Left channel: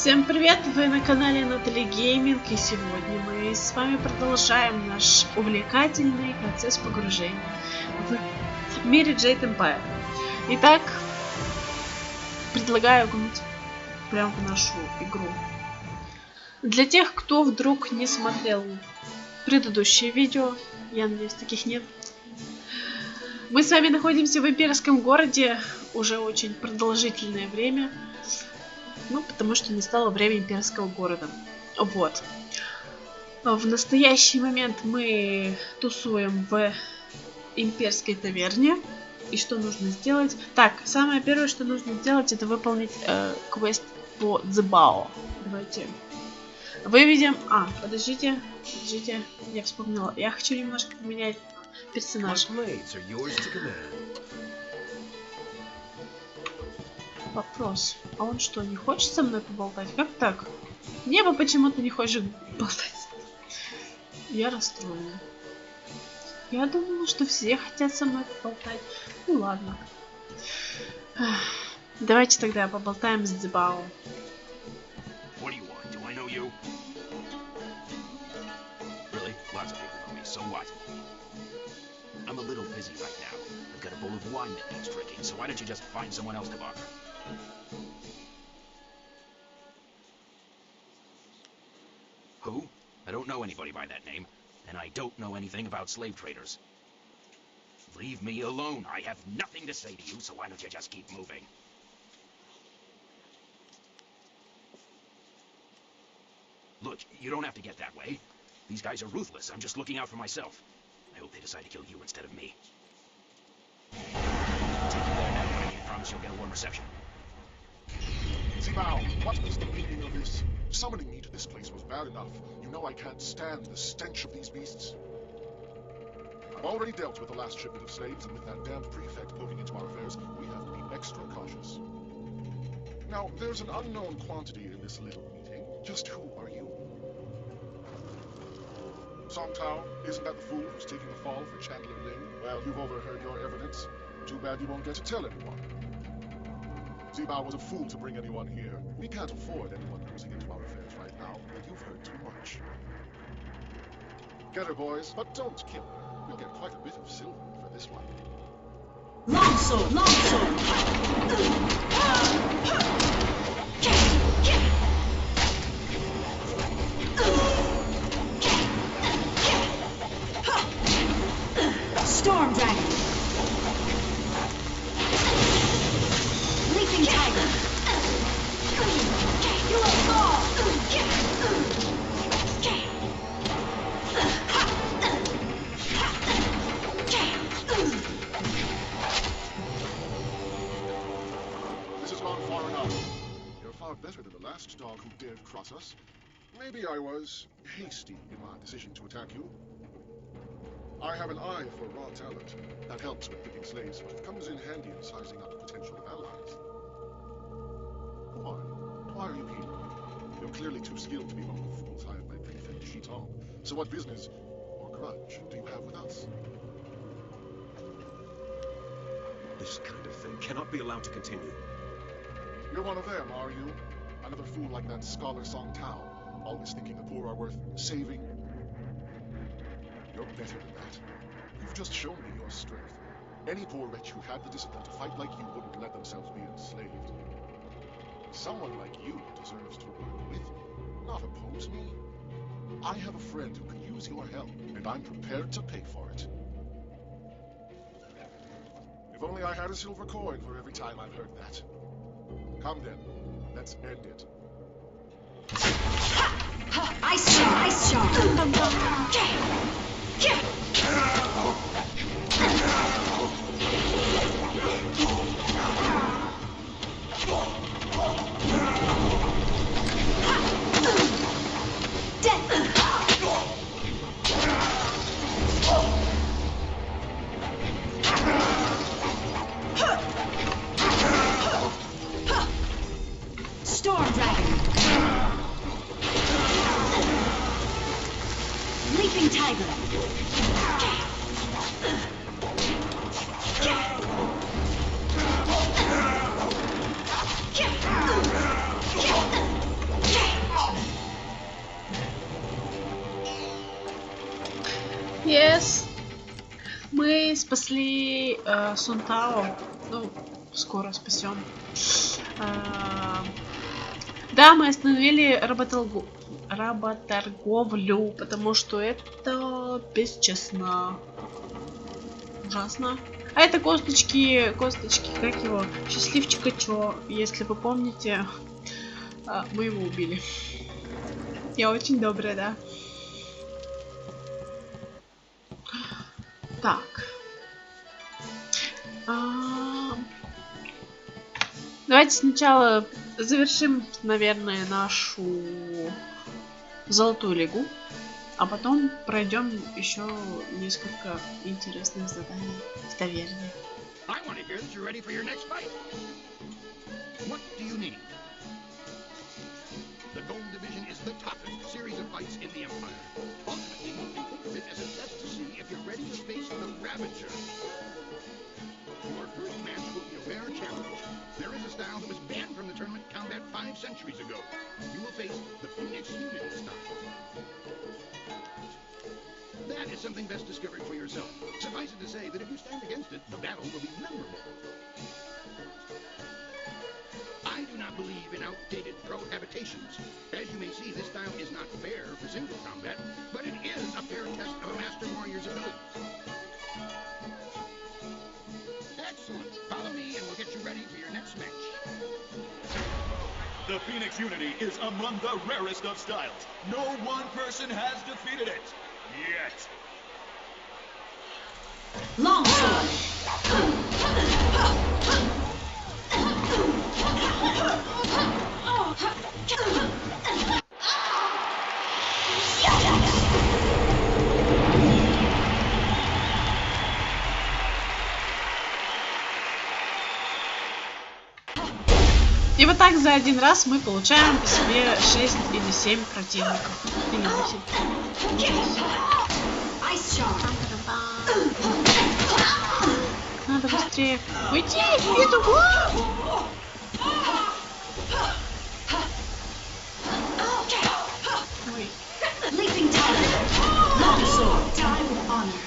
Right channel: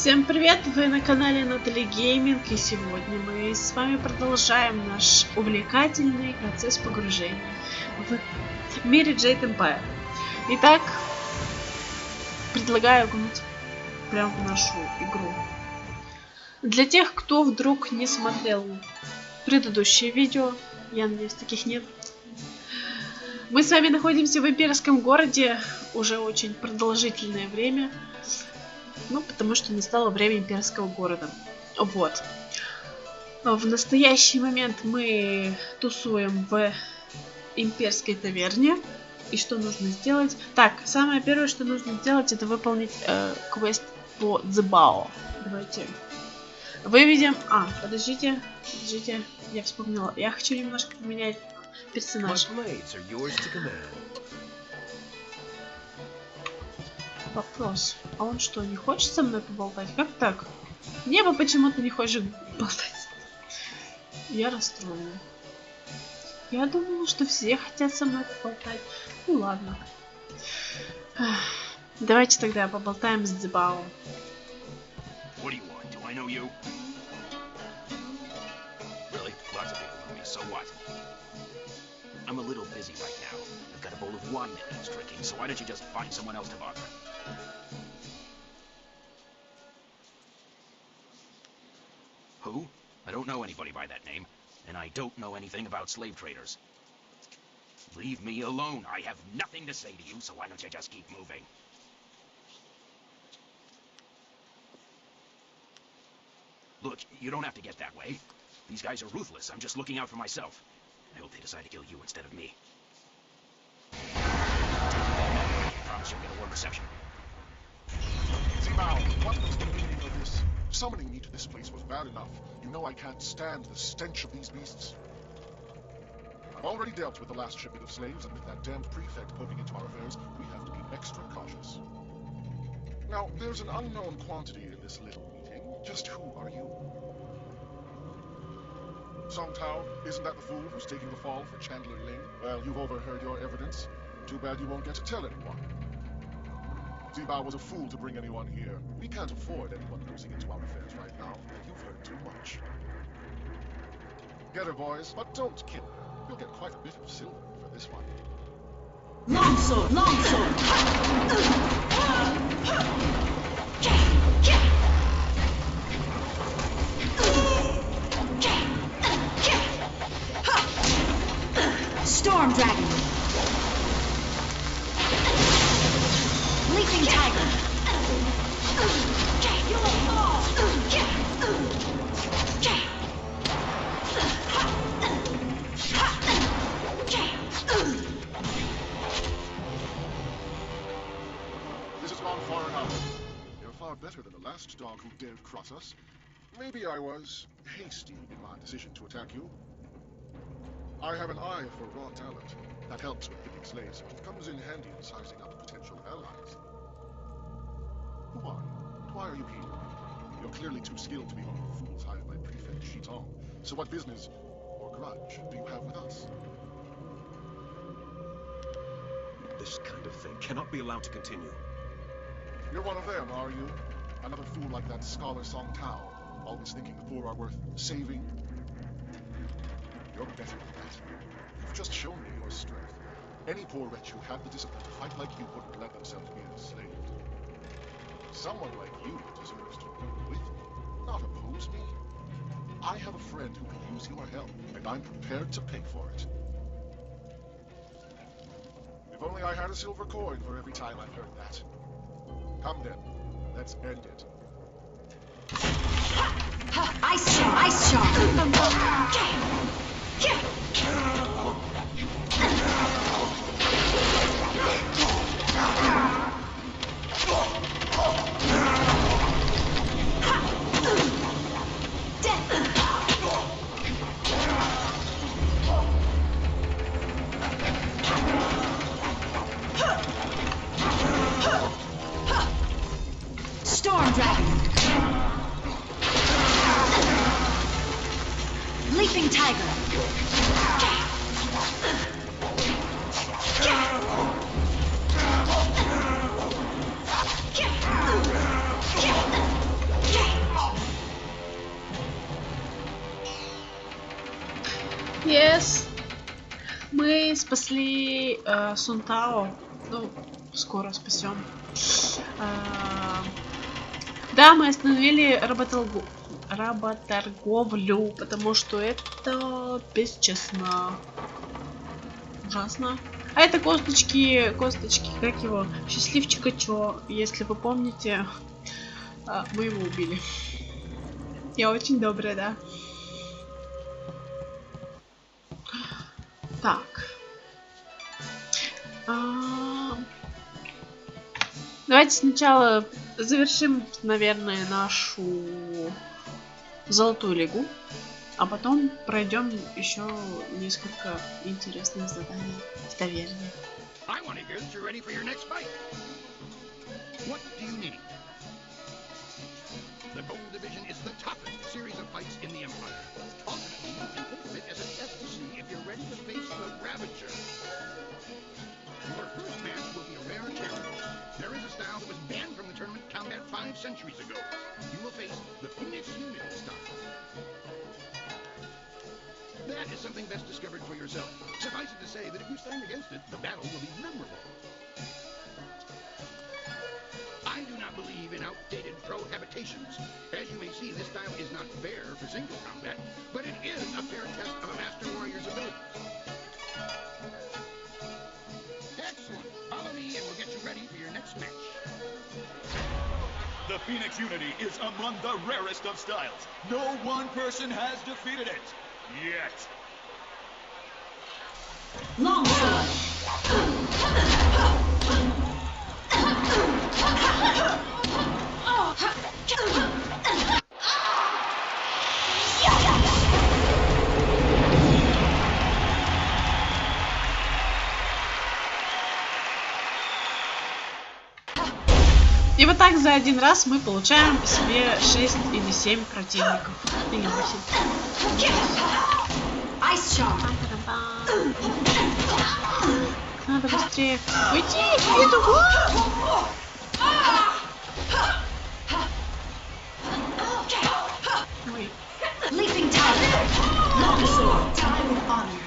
Всем привет! Вы на канале Натали Гейминг, и сегодня мы с вами продолжаем наш увлекательный процесс погружения в мире Jade Empire. Итак, предлагаю окунуть прямо в нашу игру. Для тех, кто вдруг не смотрел предыдущее видео, я надеюсь, таких нет, мы с вами находимся в Имперском городе уже очень продолжительное время. Ну, потому что настало время Имперского города. Вот. В настоящий момент мы тусуем в Имперской таверне. И что нужно сделать? Так, самое первое, что нужно сделать, это выполнить квест по Дзебао. Давайте выведем... подождите, я вспомнила. Я хочу немножко поменять персонажа. Вопрос. А он что, не хочет со мной поболтать? Как так? Небо почему-то не хочет болтать. Я расстроена. Я думала, что все хотят со мной поболтать. Ну ладно. Давайте тогда поболтаем с Дзебао. Who? I don't know anybody by that name, and I don't know anything about slave traders. Leave me alone. I have nothing to say to you, so why don't you just keep moving? Look, you don't have to get that way. These guys are ruthless. I'm just looking out for myself. I hope they decide to kill you instead of me. I promise you'll get a warm reception. Zibao, what was the meaning of this? Summoning me to this place was bad enough. You know I can't stand the stench of these beasts. I've already dealt with the last shipment of slaves, and with that damned prefect poking into our affairs, we have to be extra cautious. Now, there's an unknown quantity in this little meeting. Just who are you? Song Tao, isn't that the fool who's taking the fall for Chandler Ling? Well, you've overheard your evidence. Too bad you won't get to tell anyone. Zibao was a fool to bring anyone here. We can't afford anyone nosing into our affairs right now. You've heard too much. Get her, boys, but don't kill her. You'll get quite a bit of silver for this one. Longsword! Longsword! Storm Dragon! Leaping Tiger! You will fall! This has gone far enough. You're far better than the last dog who dared cross us. Maybe I was hasty in my decision to attack you. I have an eye for raw talent. That helps with picking slaves, but it comes in handy in sizing up potential allies. Who are you? Why are you here? You're clearly too skilled to be one of the fools hired by Prefect Chiton. So what business or grudge do you have with us? This kind of thing cannot be allowed to continue. You're one of them, are you? Another fool like that scholar Song Tao, always thinking the poor are worth saving. You're better than that. You've just shown me your strength. Any poor wretch who had the discipline to fight like you wouldn't let themselves be enslaved. Someone like you deserves to work with me, not oppose me. I have a friend who could use your help, and I'm prepared to pay for it. If only I had a silver coin for every time I've heard that. Come then, let's end it. Ice Charm! Ice Charm! Storm Dragon! Leaping Tiger! спасли Сунтао. Ну, скоро спасем. Да, мы остановили работорговлю, потому что это бесчестно. Ужасно. А это косточки, как его? Счастливчика Чо. Если вы помните, мы его убили. Я очень добрая, да. Так. Давайте сначала завершим, наверное, нашу золотую лигу, а потом пройдем еще несколько интересных заданий в таверне. The Bone Division is the toughest series of fights in the Empire. Talk to me as a test to see if you're ready to face the Ravager. Your first match will be a rare challenge. There is a style that was banned from the tournament combat 5 centuries ago. You will face the Phoenix Unit style. That is something best discovered for yourself. Suffice it to say that if you stand against it, the battle will be memorable. I do not believe in outdated prohabitations. As you may see, this style is not fair for single combat, but it is a fair test of a master warrior's abilities. Excellent. Follow me and we'll get you ready for your next match. The Phoenix Unity is among the rarest of styles. No one person has defeated it. Yet. Longsword. И вот так за один раз мы получаем себе 6 или 7 противников. Или 8. Надо быстрее уйти! Иду! Ой. Leaping tiger. Longsword. Die with honor.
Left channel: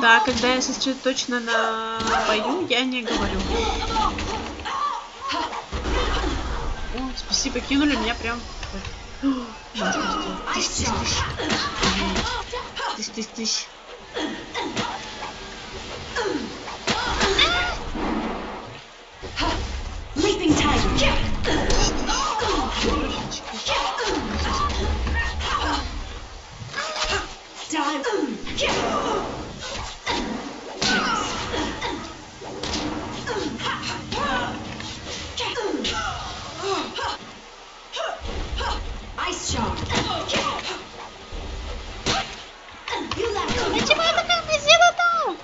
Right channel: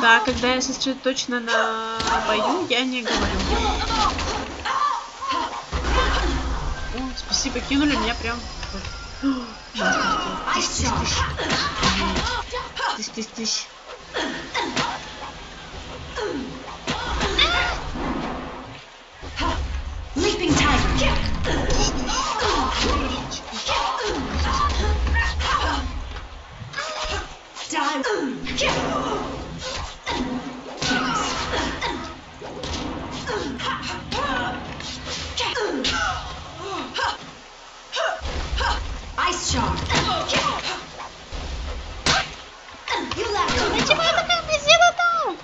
Да, когда я сосредоточена на бою, я не говорю. О, спасибо, кинули меня прям. Тыщ. Leaping tiger. Ice charm. You left. Почему я такая позиция-то?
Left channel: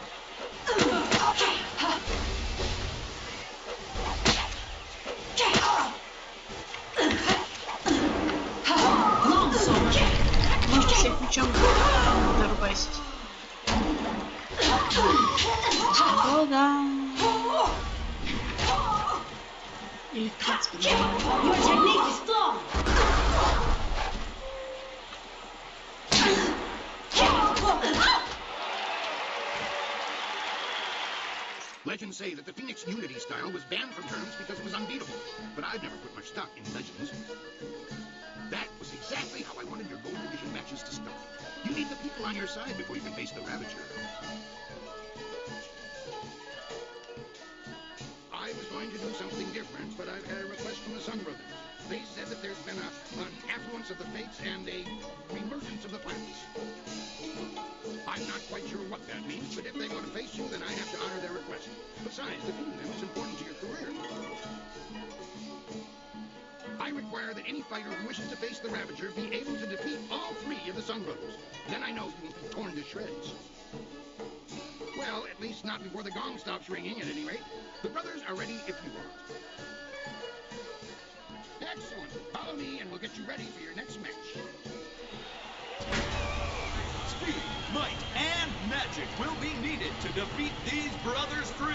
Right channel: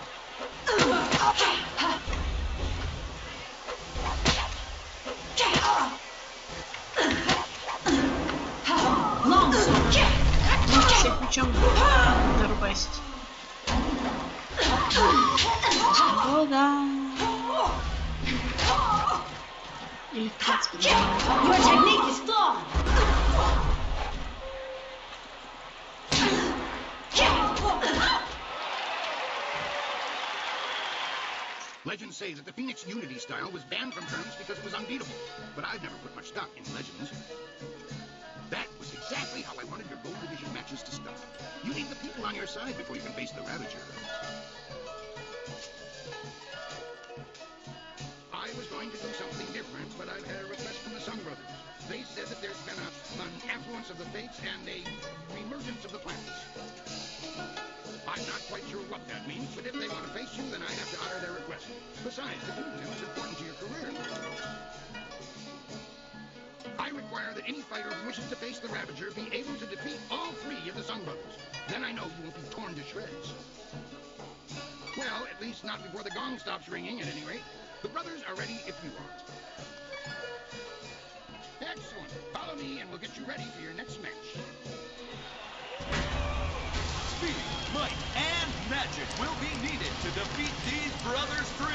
Можно всех мечом зарубасить. Долго. Или в принципе, да. Your technique is flawed. Legends say that the Phoenix Unity style was banned from tournaments because it was unbeatable, but I've never put much stock in legends. That was exactly how I wanted your Gold Division matches to start. You need the people on your side before you can face the Ravager. I was going to do something different, but I've had a request from the Sun Brothers. They said that there's been an affluence of the fates and a reemergence of the planets. I'm not quite sure what that means, but if they want to face you, then I have to honor their request. Besides, the boon is important to your career. I require that any fighter who wishes to face the Ravager be able to defeat all 3 of the Sun Brothers. Then I know you won't be torn to shreds. Well, at least not before the gong stops ringing, at any rate. The brothers are ready if you are. Excellent. Excellent. Follow me and we'll get you ready for your next match. Speed, might, and magic will be needed to defeat these brothers three.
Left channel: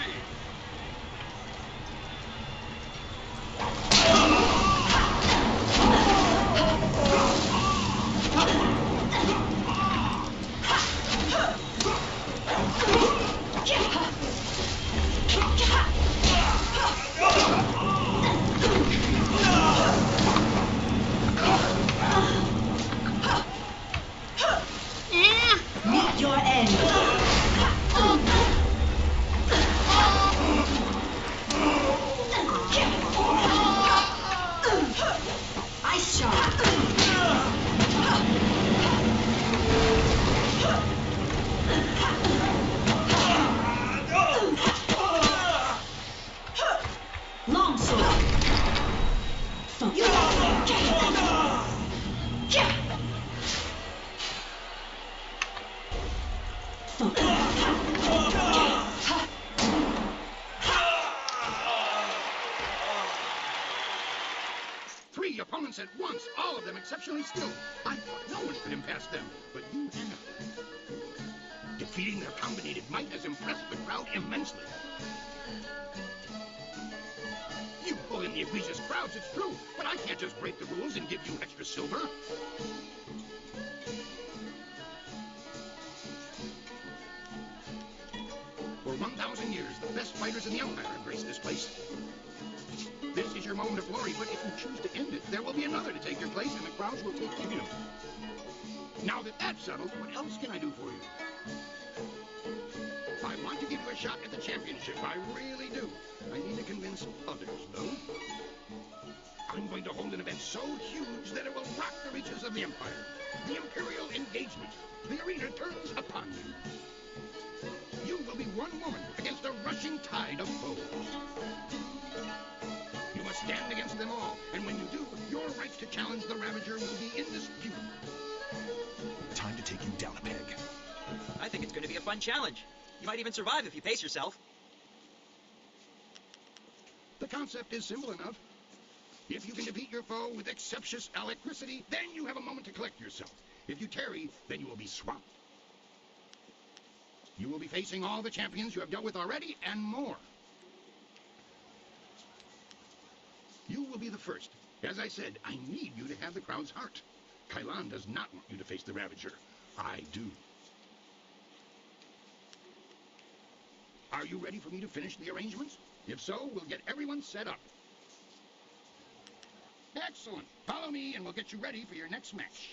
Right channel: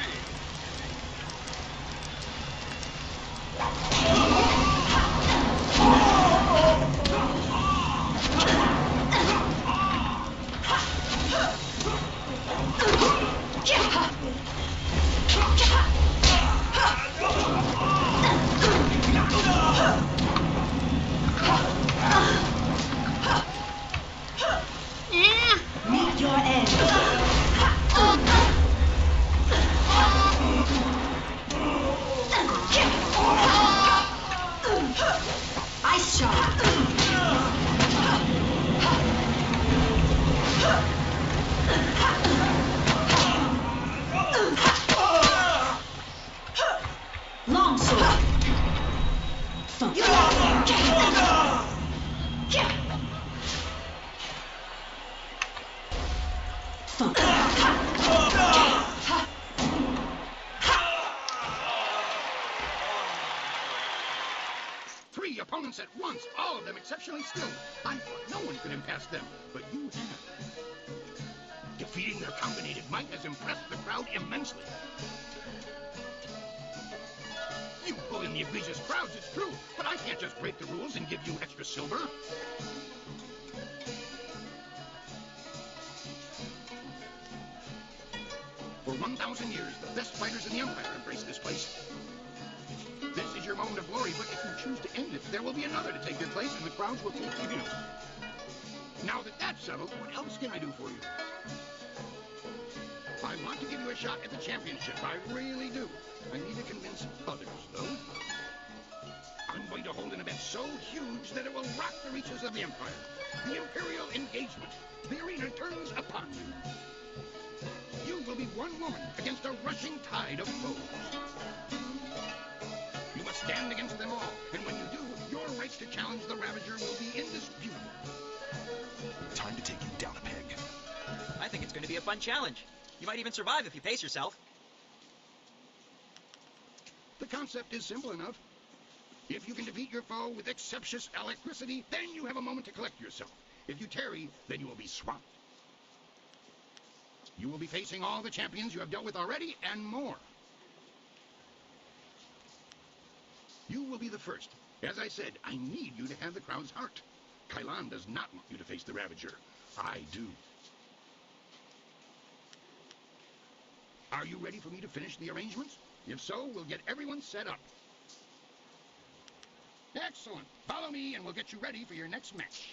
Meet your end. Ice shot. Long sword. Thump. Thump. Three opponents at once, all of them exceptionally skilled. I thought no one could impass them, but you have. Defeating their combinated might has impressed the crowd immensely. You pull in the ambitious crowds, it's true, but I can't just break the rules and give you extra silver. For 1,000 years, the best fighters in the Empire embrace this place. This is your moment of glory, but if you choose to end it, there will be another to take your place, and the crowds will take you. Now that that's settled, what else can I do for you? I want to give you a shot at the championship. I really do. I need to convince others, though. I'm going to hold an event so huge that it will rock the reaches of the Empire. The Imperial Engagement. The arena turns upon you. You will be one woman against a rushing tide of foes. You must stand against them all, and when you do, your rights to challenge the Ravager will be indisputable. Time to take you down a peg. I think it's going to be a fun challenge. You might even survive if you pace yourself. The concept is simple enough. If you can defeat your foe with exceptious alacrity, then you have a moment to collect yourself. If you tarry, then you will be swamped. You will be facing all the champions you have dealt with already, and more. You will be the first. As I said, I need you to have the crowd's heart. Kailan does not want you to face the Ravager. I do. Are you ready for me to finish the arrangements? If so, we'll get everyone set up. Excellent. Follow me and we'll get you ready for your next match.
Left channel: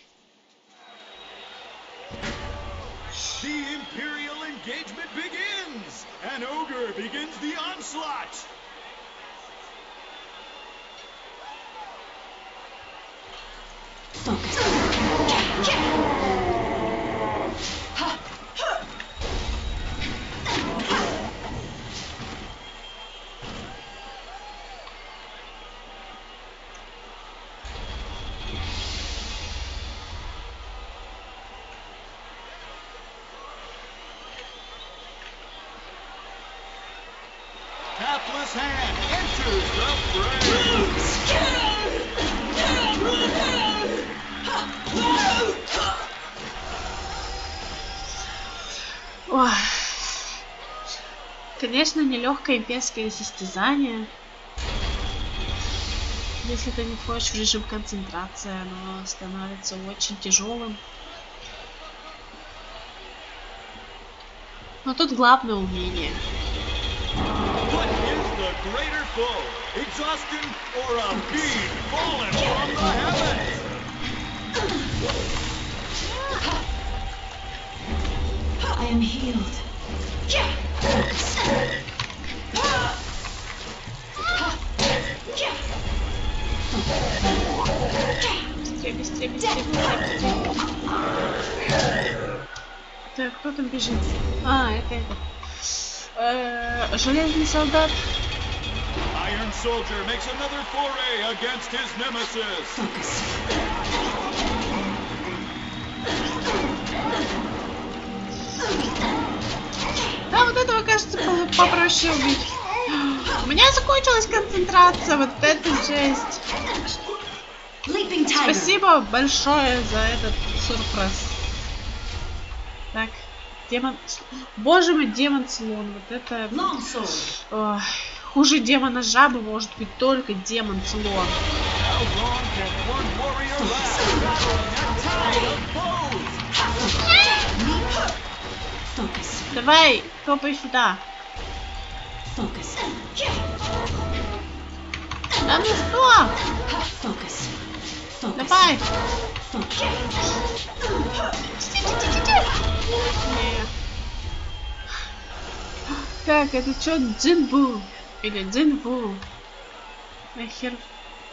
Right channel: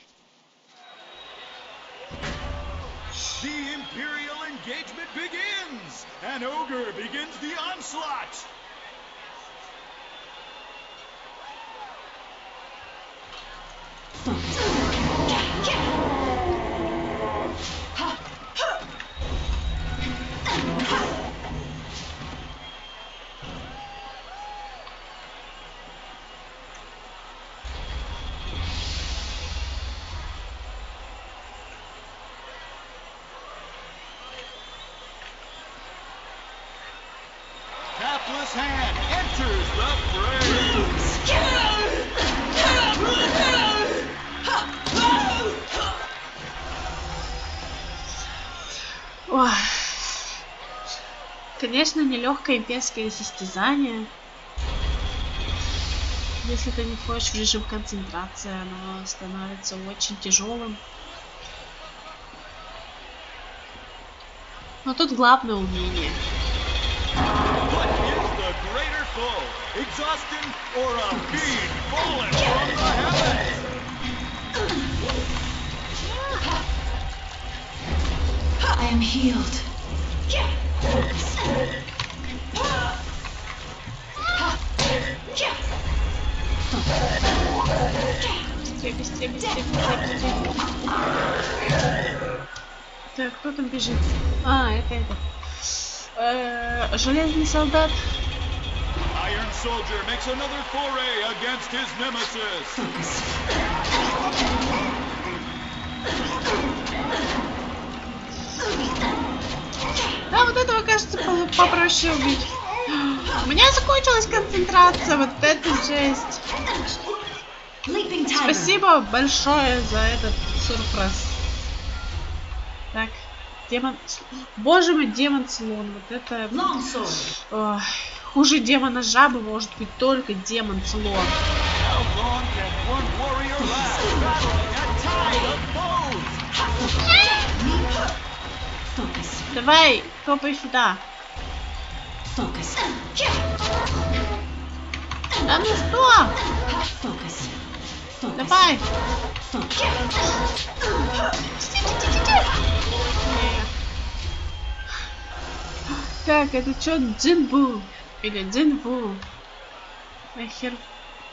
The Imperial engagement begins! An ogre begins the onslaught! Hapless hand enters the fray! Ой. Конечно, нелегкое имперское состязание. Если ты не входишь в режим концентрации, оно становится очень тяжелым. Но тут главное умение. What is the greater foe? Exhaustion or a being fallen from the heavens? I am healed. Быстрее, быстрее, быстрее, быстрее. Так, кто там бежит? А, это. Железный солдат. Iron Soldier makes another foray against his nemesis. Да, вот этого, кажется, попроще убить. У меня закончилась концентрация, вот это жесть. Спасибо большое за этот сюрприз. Так, демон... Боже мой, демон слон. Вот это... Ох, хуже демона жабы может быть только демон слон. Давай, топай сюда. Да ну что? Давай. Так, это что, Джинбу? Или Джинбу? Нахер,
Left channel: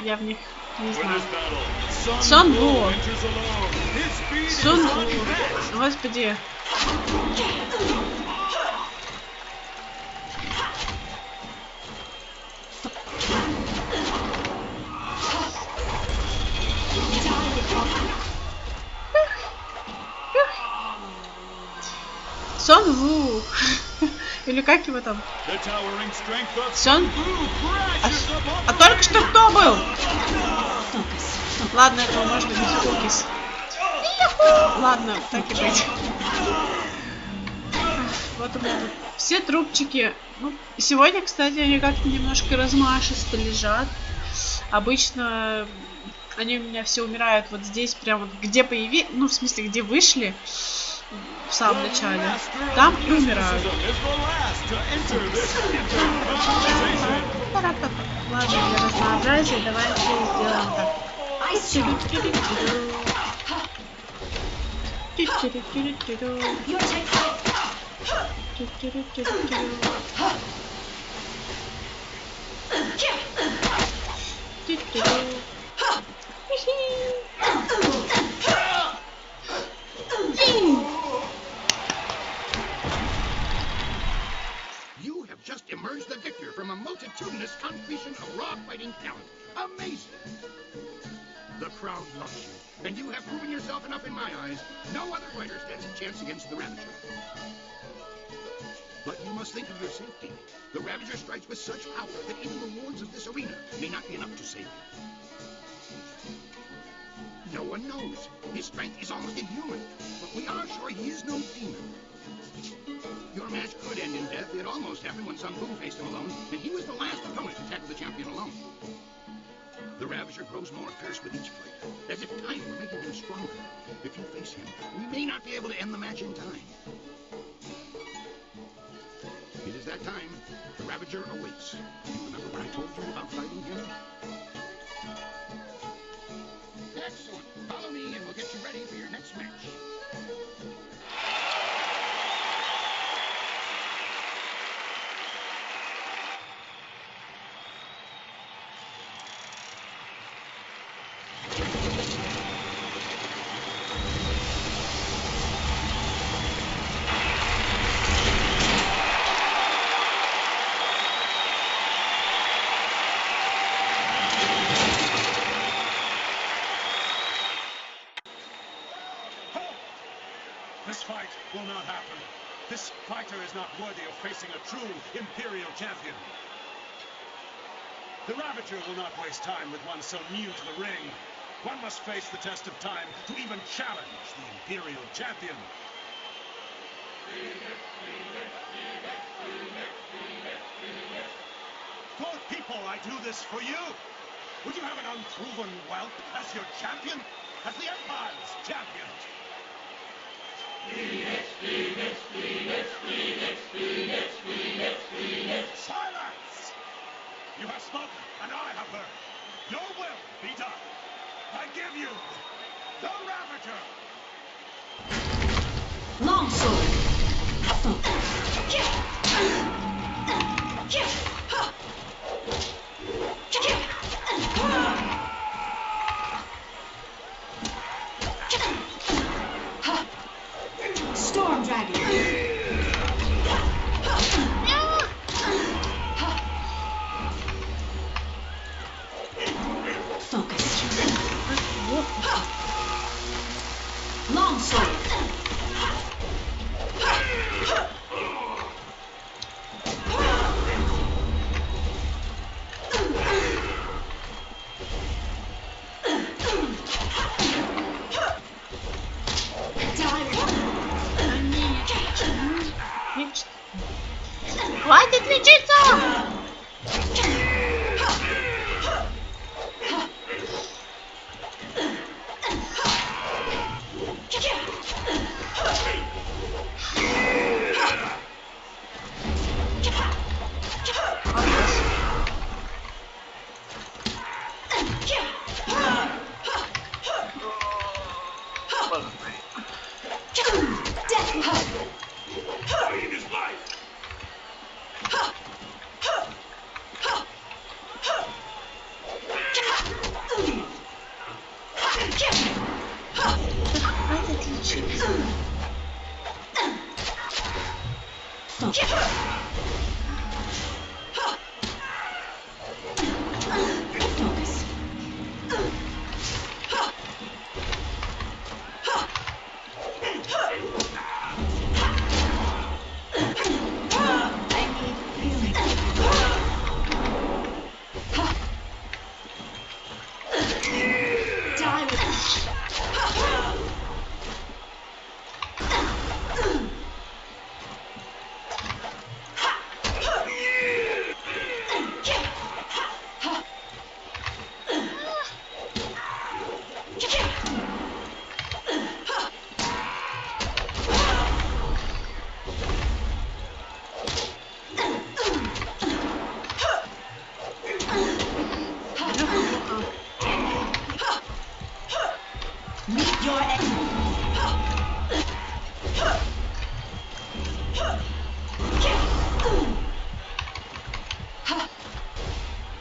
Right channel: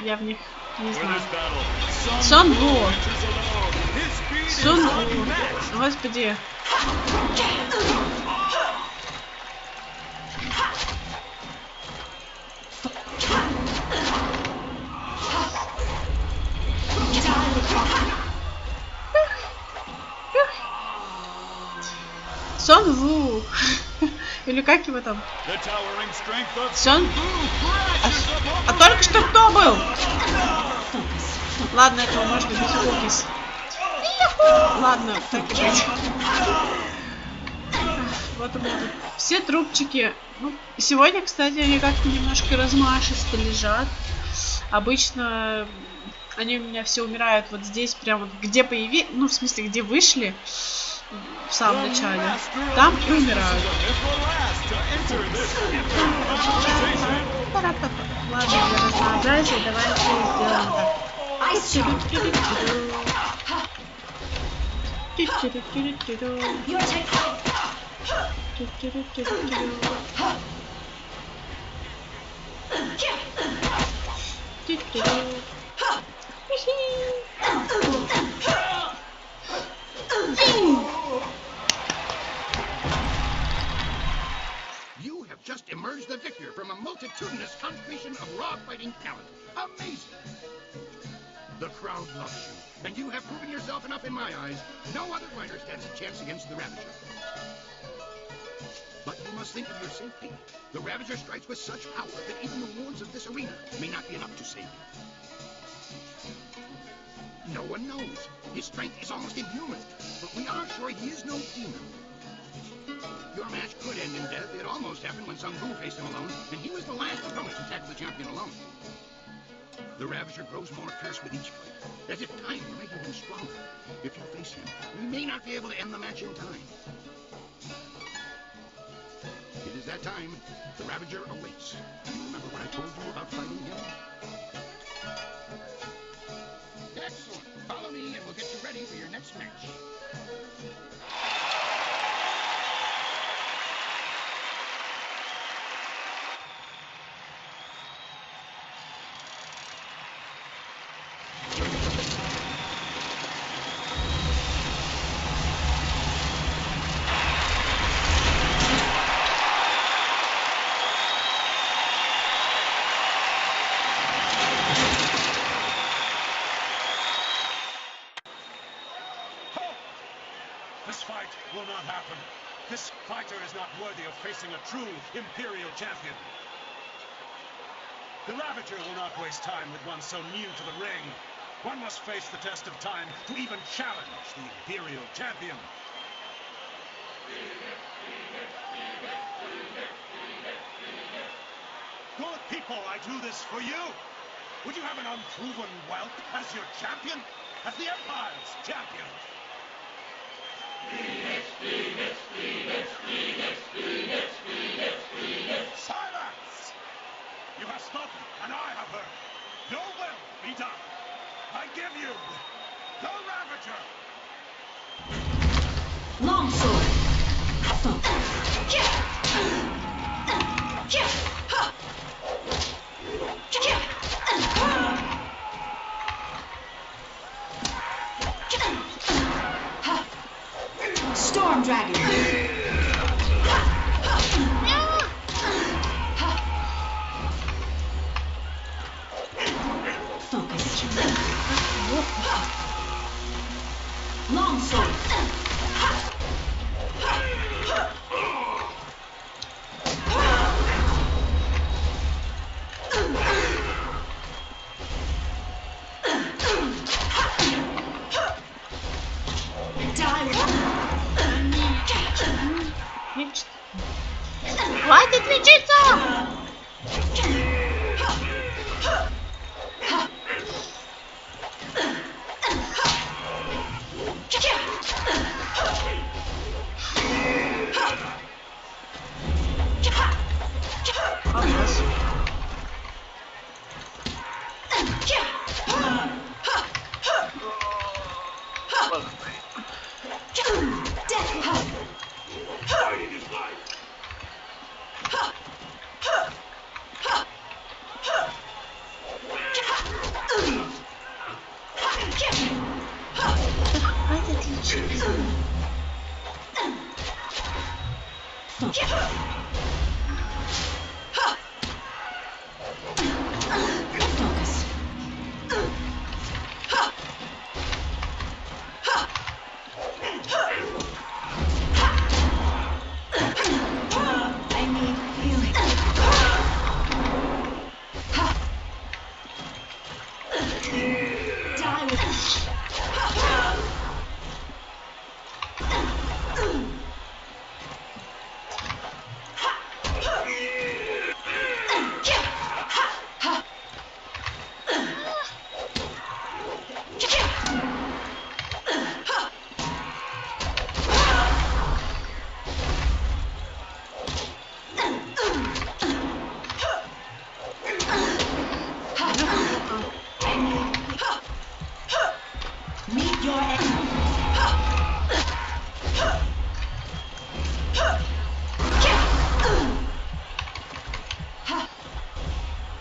я в них не знаю. Сонбу. Сонбу. Господи. Сонву. Или как его там? Сон? А только что кто был? Ладно, этого можно без фокус. Ладно, так и быть. Вот у меня тут все трубчики. Ну, сегодня, кстати, они как-то немножко размашисто лежат. Обычно они у меня все умирают вот здесь, прям вот где появились, ну, в смысле, где вышли в самом начале. Там и умирают. Ладно, для разнообразия давайте сделаем You have just emerged the victor from a multitudinous congregation of raw fighting talent. Amazing! The crowd loves you, and you have proven yourself enough in my eyes. No other fighter stands a chance against the Ravager. But you must think of your safety. The Ravager strikes with such power that even the wards of this arena may not be enough to save you. No one knows. His strength is almost inhuman, but we are sure he is no demon. Your match could end in death. It almost happened when Sun Wu faced him alone, and he was the last opponent to tackle the champion alone. The Ravager grows more fierce with each fight, as if time might have been stronger. If you face him, we may not be able to end the match in time. It is that time. The Ravager awaits. You remember when I told you about fighting him? Excellent. Follow me and we'll get you ready for your next match. This fight will not happen. This fighter is not worthy of facing a true Imperial champion. The Ravager will not waste time with one so new to the ring. One must face the test of time to even challenge the Imperial champion. Good people, I do this for you. Would you have an unproven whelp as your champion? As the Empire's champion? Silence! You have spoken, and I have heard. Your will be done. I give you the Ravager! Longsword. Storm Dragon. Focus. Longsword. Хватит лечиться.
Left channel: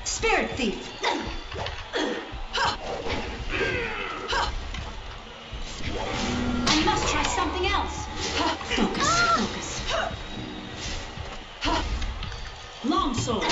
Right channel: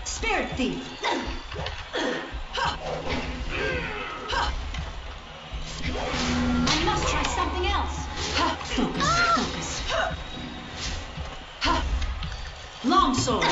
Spirit thief. I must try something else. Focus. Longsword.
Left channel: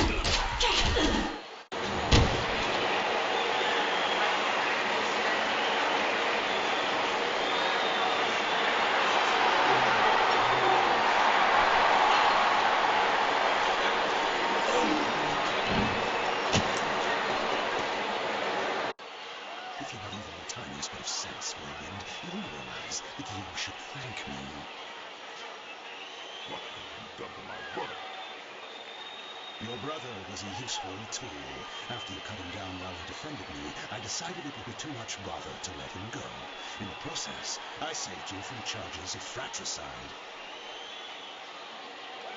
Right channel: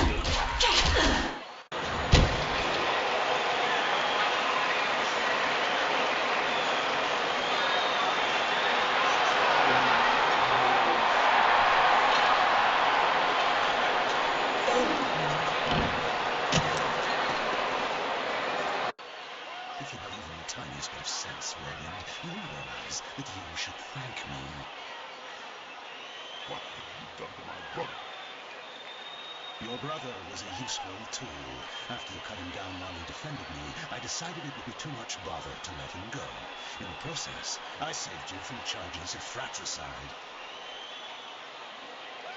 If you have even the tiniest bit of sense, Whirlwind, you will realize that you should thank me. What have you done to my brother? Your brother was a useful tool. After you cut him down while he defended me, I decided it would be too much bother to let him go. In the process, I saved you from charges of fratricide.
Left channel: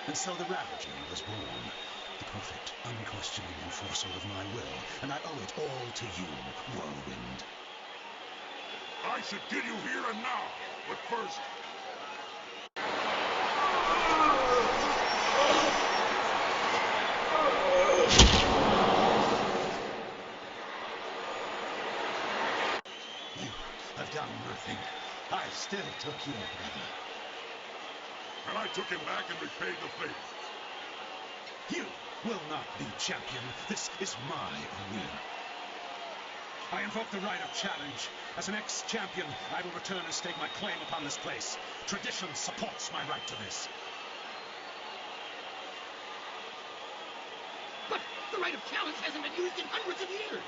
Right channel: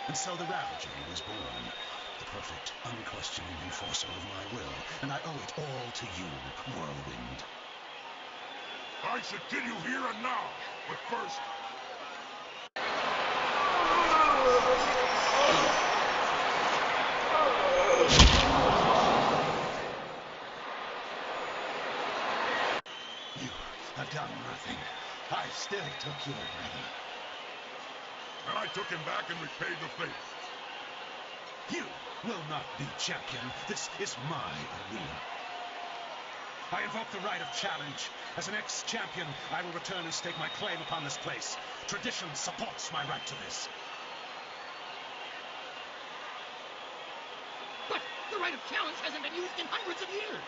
And so the Ravager was born. The perfect, unquestioning enforcer of my will, and I owe it all to you, Whirlwind. I should kill you here and now, but first... You have done nothing. I still took your brother. And I took him back and repaid the favor. You will not be champion. This is my arena. I invoke the right of challenge. As an ex-champion, I will return and stake my claim upon this place. Tradition supports my right to this. But the right of challenge hasn't been used in hundreds of years.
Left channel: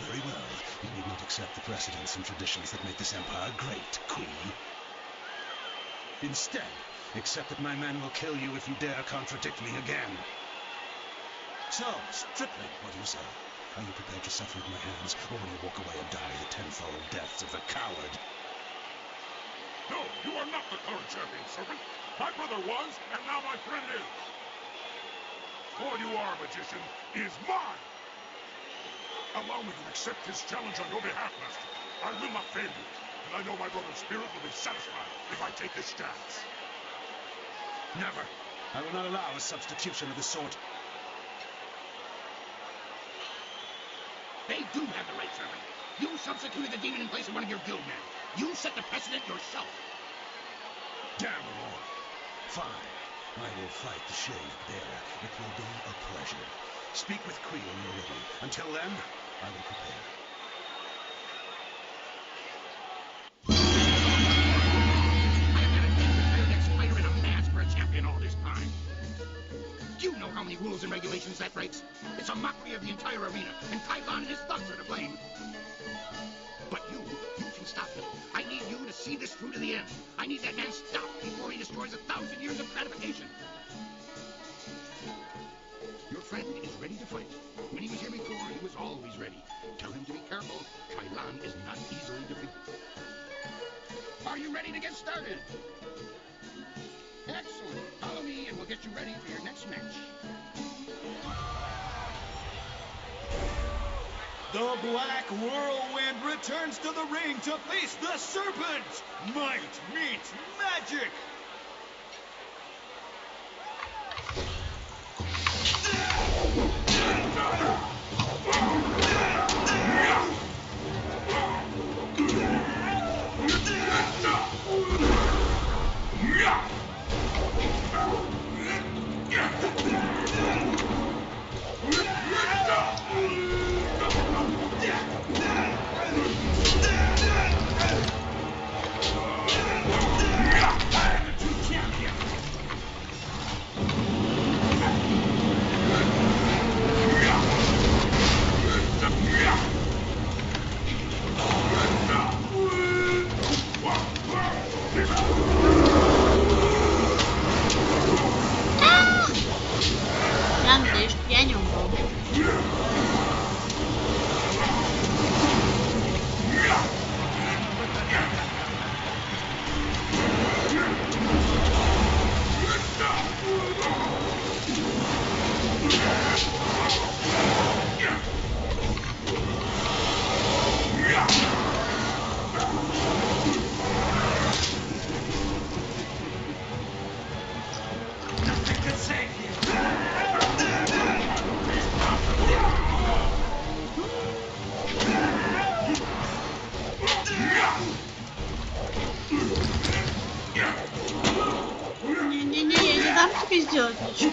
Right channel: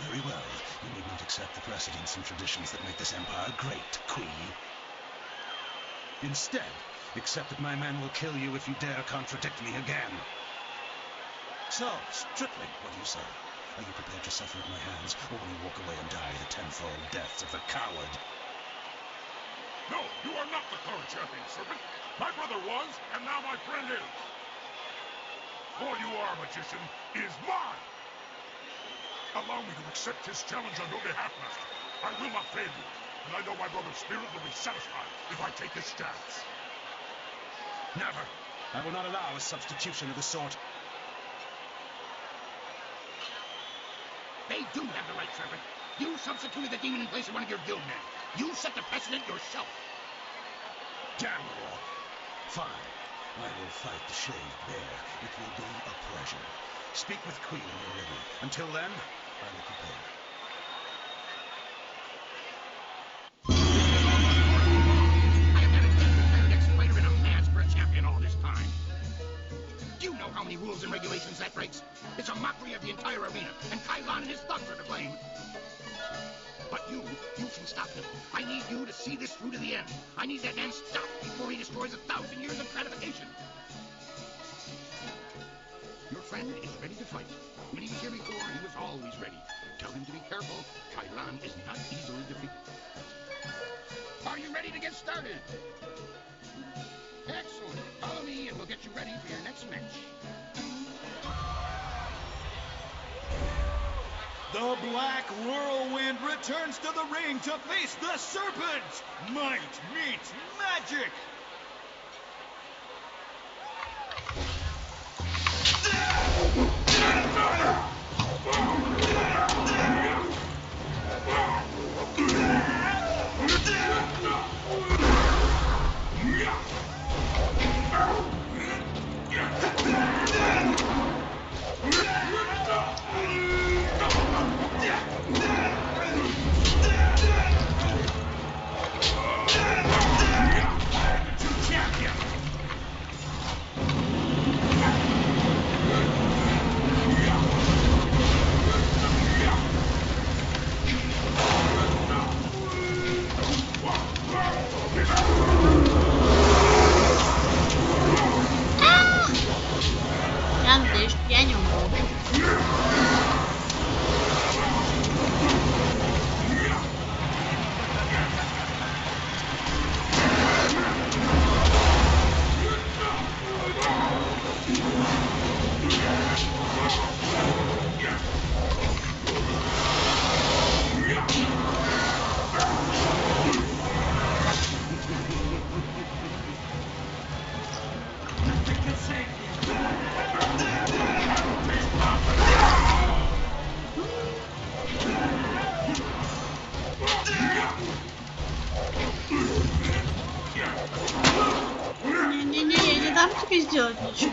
Very well. You need not accept the precedents and traditions that make this empire great, Queen. Instead, accept that my men will kill you if you dare contradict me again. So, strictly, what do you say? Are you prepared to suffer at my hands, or will you walk away and die the tenfold death of a coward? No, you are not the current champion, servant. My brother was, and now my friend is. For you are, magician, is mine. Allow me to accept his challenge on your behalf, master. I will not fail you, and I know my brother's spirit will be satisfied if I take his stance. Never. I will not allow a substitution of the sort. They do have the right, servant. You substituted the demon in place of one of your guild men. You set the precedent yourself. Damn you all. Fine. I will fight the shade bare. It will be a pleasure. Speak with Queen when you're ready. Until then, I will prepare. I've got a next fighter in a mask for a champion all this time. Do you know how many rules and regulations that breaks? It's a mockery of the entire arena, and Kailan and his thugs are to blame. But you can stop him. I need you to see this through to the end. I need that man stopped before he destroys 1,000 years of gratification. Your friend is ready to fight. When he was here before, he was always ready. Tell him to be careful. Kailan is not easily defeated. Are you ready to get started? Excellent. Follow me and we'll get you ready for your next match. The Black Whirlwind returns to the ring to face the Serpent! Might meets magic! Я надеюсь, что я не умру. Не-не-не, я не дам тебе сделать ничего.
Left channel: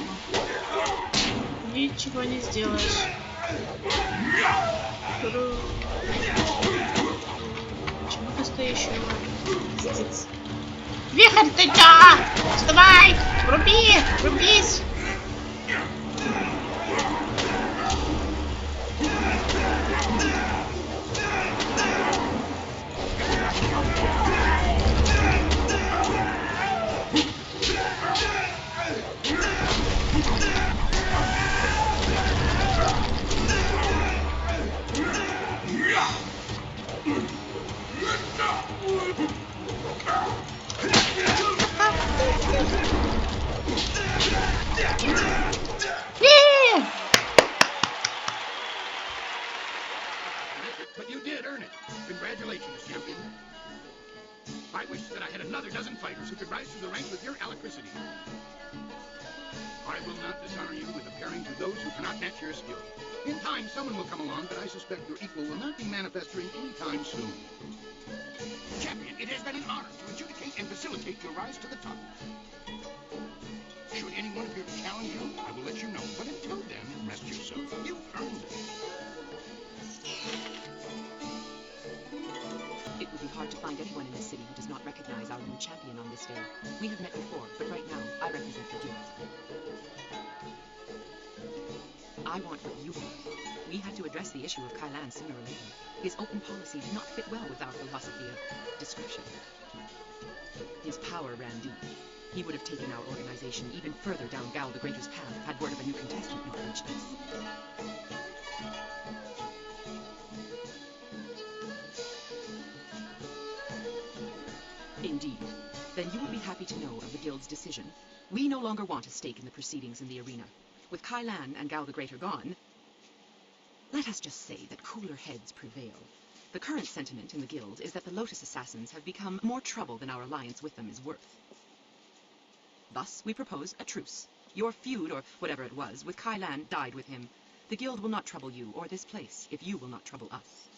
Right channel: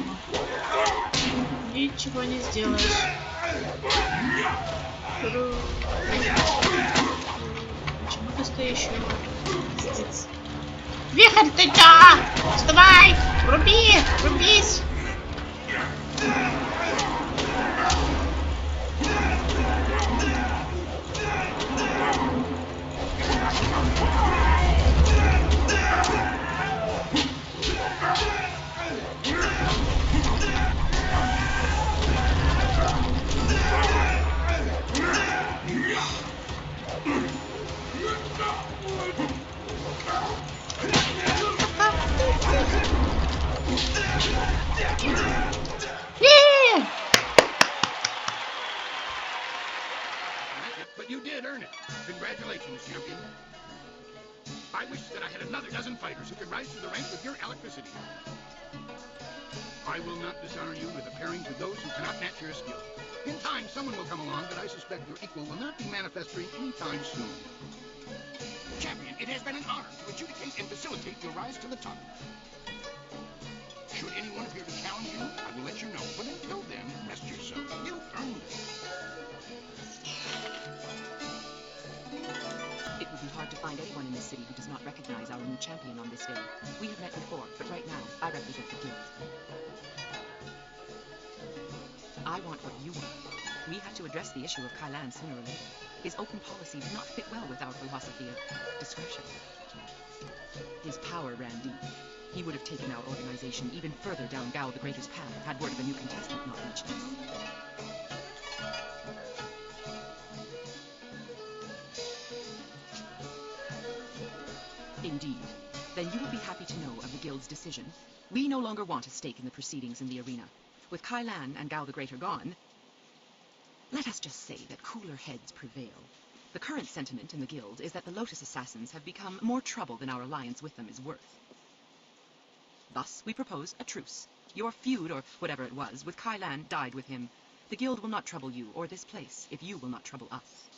Ничего не сделаешь. Почему ты стоишь еще? Пиздец. Вихрь, ты чё? Вставай! Вруби! Врубись! But you did earn it. Congratulations, champion. I wish that I had another dozen fighters who could rise to the rank with your electricity. I will not disarm you with appearing to those who cannot match your skill. In time, someone will come along, but I suspect your equal will not be manifesting anytime soon. Champion, it has been an honor to adjudicate and facilitate your rise to the top. Should anyone appear to challenge you, I will let you know. But until then, rest yourself. You earned it. It would be hard to find anyone in this city who does not recognize our new champion on this day. We have met before, but right now, I represent the guild. I want what you want. We had to address the issue of Kailan sooner or later. His open policy did not fit well with our philosophy of discretion. His power ran deep. He would have taken our organization even further down Gao the Greater's path had word of a new contestant not reached us. Indeed. Then you will be happy to know of the guild's decision. We no longer want a stake in the proceedings in the arena. With Kailan and Gao the Greater gone, let us just say that cooler heads prevail. The current sentiment in the guild is that the Lotus Assassins have become more trouble than our alliance with them is worth. Thus, we propose a truce. Your feud, or whatever it was, with Kailan died with him. The guild will not trouble you or this place if you will not trouble us.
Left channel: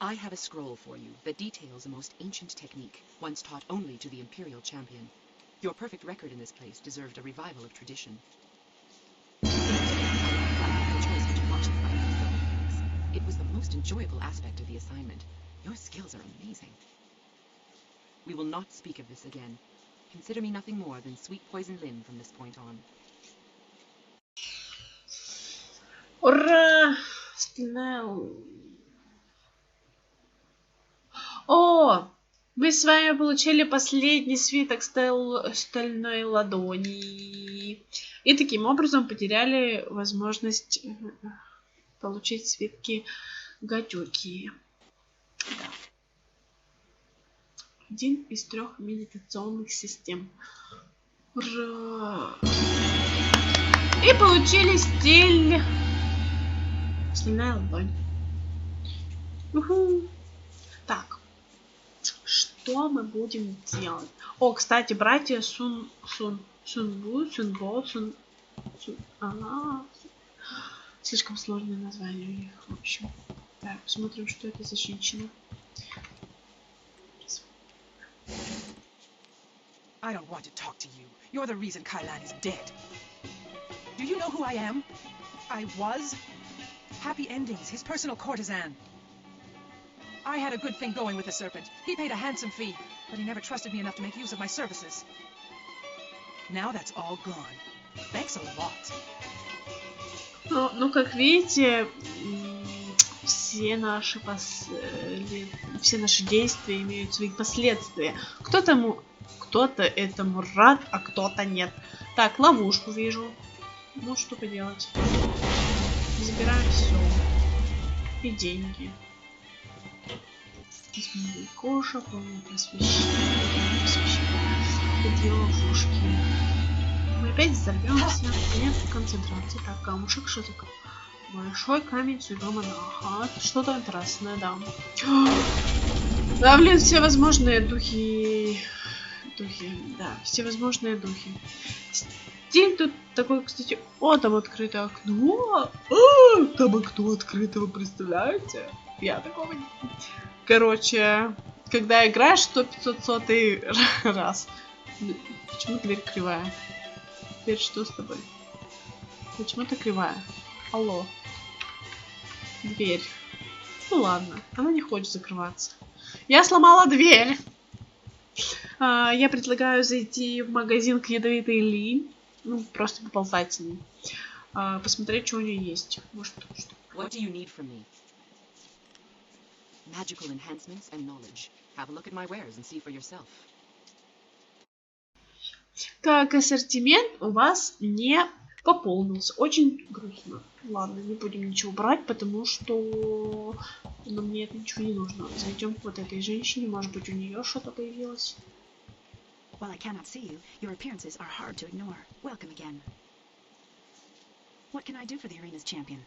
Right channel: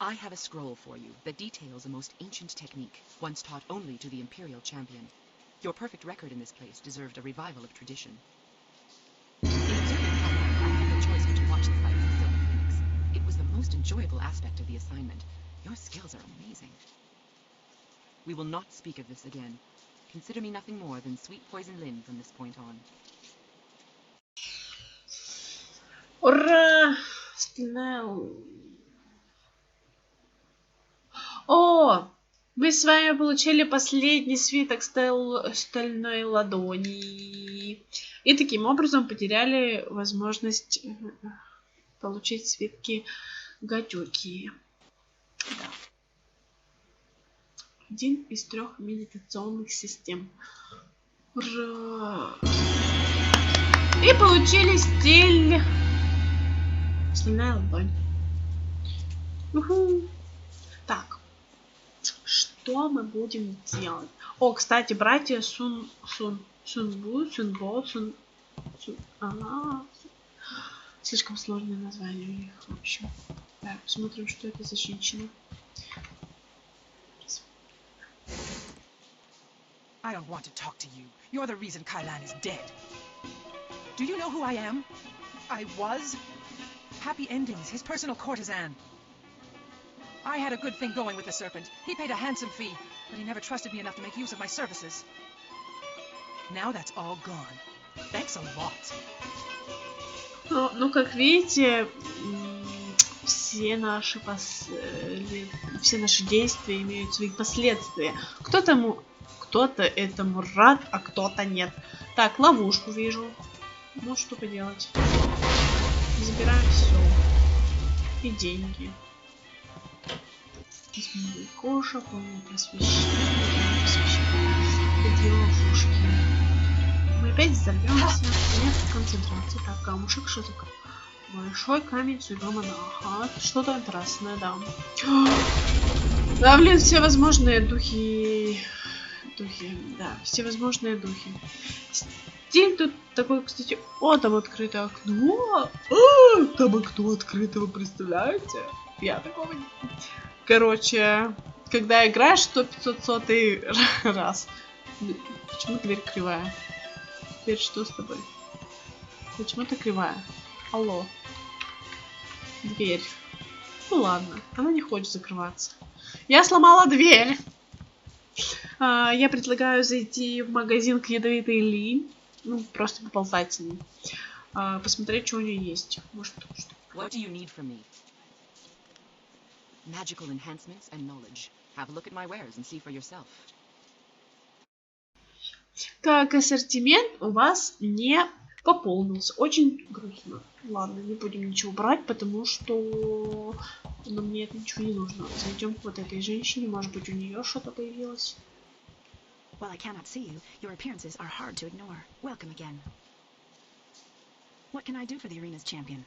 I have a scroll for you that details a most ancient technique, once taught only to the Imperial champion. Your perfect record in this place deserved a revival of tradition. It was the most enjoyable aspect of the assignment. Your skills are amazing. We will not speak of this again. Consider me nothing more than sweet poison Lin from this point on. Ура! О! Мы с вами получили последний свиток стальной ладони. И таким образом потеряли возможность получить свитки гадюки. Да. Один из 3 медитационных систем. Ура! И получили стиль Стальная ладонь. Уху. Так. Что мы будем делать? О, кстати, братья Сунбу, Сунбо, слишком сложное название у них, в общем. Так, посмотрим, что это за женщина. I don't want to talk to you. You're the reason Kailan is dead. Do you know who I am? I was Happy Endings, his personal courtesan. I had a good thing going with the Serpent. He paid a handsome fee, but he never trusted me enough to make use of my services. Now that's all gone. Thanks a lot. Ну, как видите, все наши действия имеют свои последствия. Кто-то этому рад, а кто-то нет. Так, ловушку вижу. Ну, что поделать. Забираем все. И деньги. Изменение кожа, полное просвещение. Две ловушки. Мы опять взорвемся. Нет концентрации. Так, камушек, что такое? Большой камень судьбы монаха. Что-то интересное, да. Да, блин, все возможные духи. Да, всевозможные духи. Стиль тут такой, кстати, там открытое окно. Там окно открыто, вы представляете? Я такого не... Короче, когда играешь 100-500 раз. Почему дверь кривая? Дверь что с тобой? Почему ты кривая? Алло. Дверь. Ну ладно, она не хочет закрываться. Я сломала дверь. Я предлагаю зайти в магазин к ядовитой Ли. Ну, просто поболтать с ней. Посмотреть, что у нее есть. Может, что. What do you need from me? Magical enhancements and knowledge. Have a look at my wares and see for yourself. Так, ассортимент у вас не пополнился. Очень грустно. Ладно, не будем ничего брать, потому что мне это ничего не нужно. Зайдем к вот этой женщине. Может быть, у нее что-то появилось. While I cannot see you, your appearances are hard to ignore. Welcome again. What can I do for the arena's champion?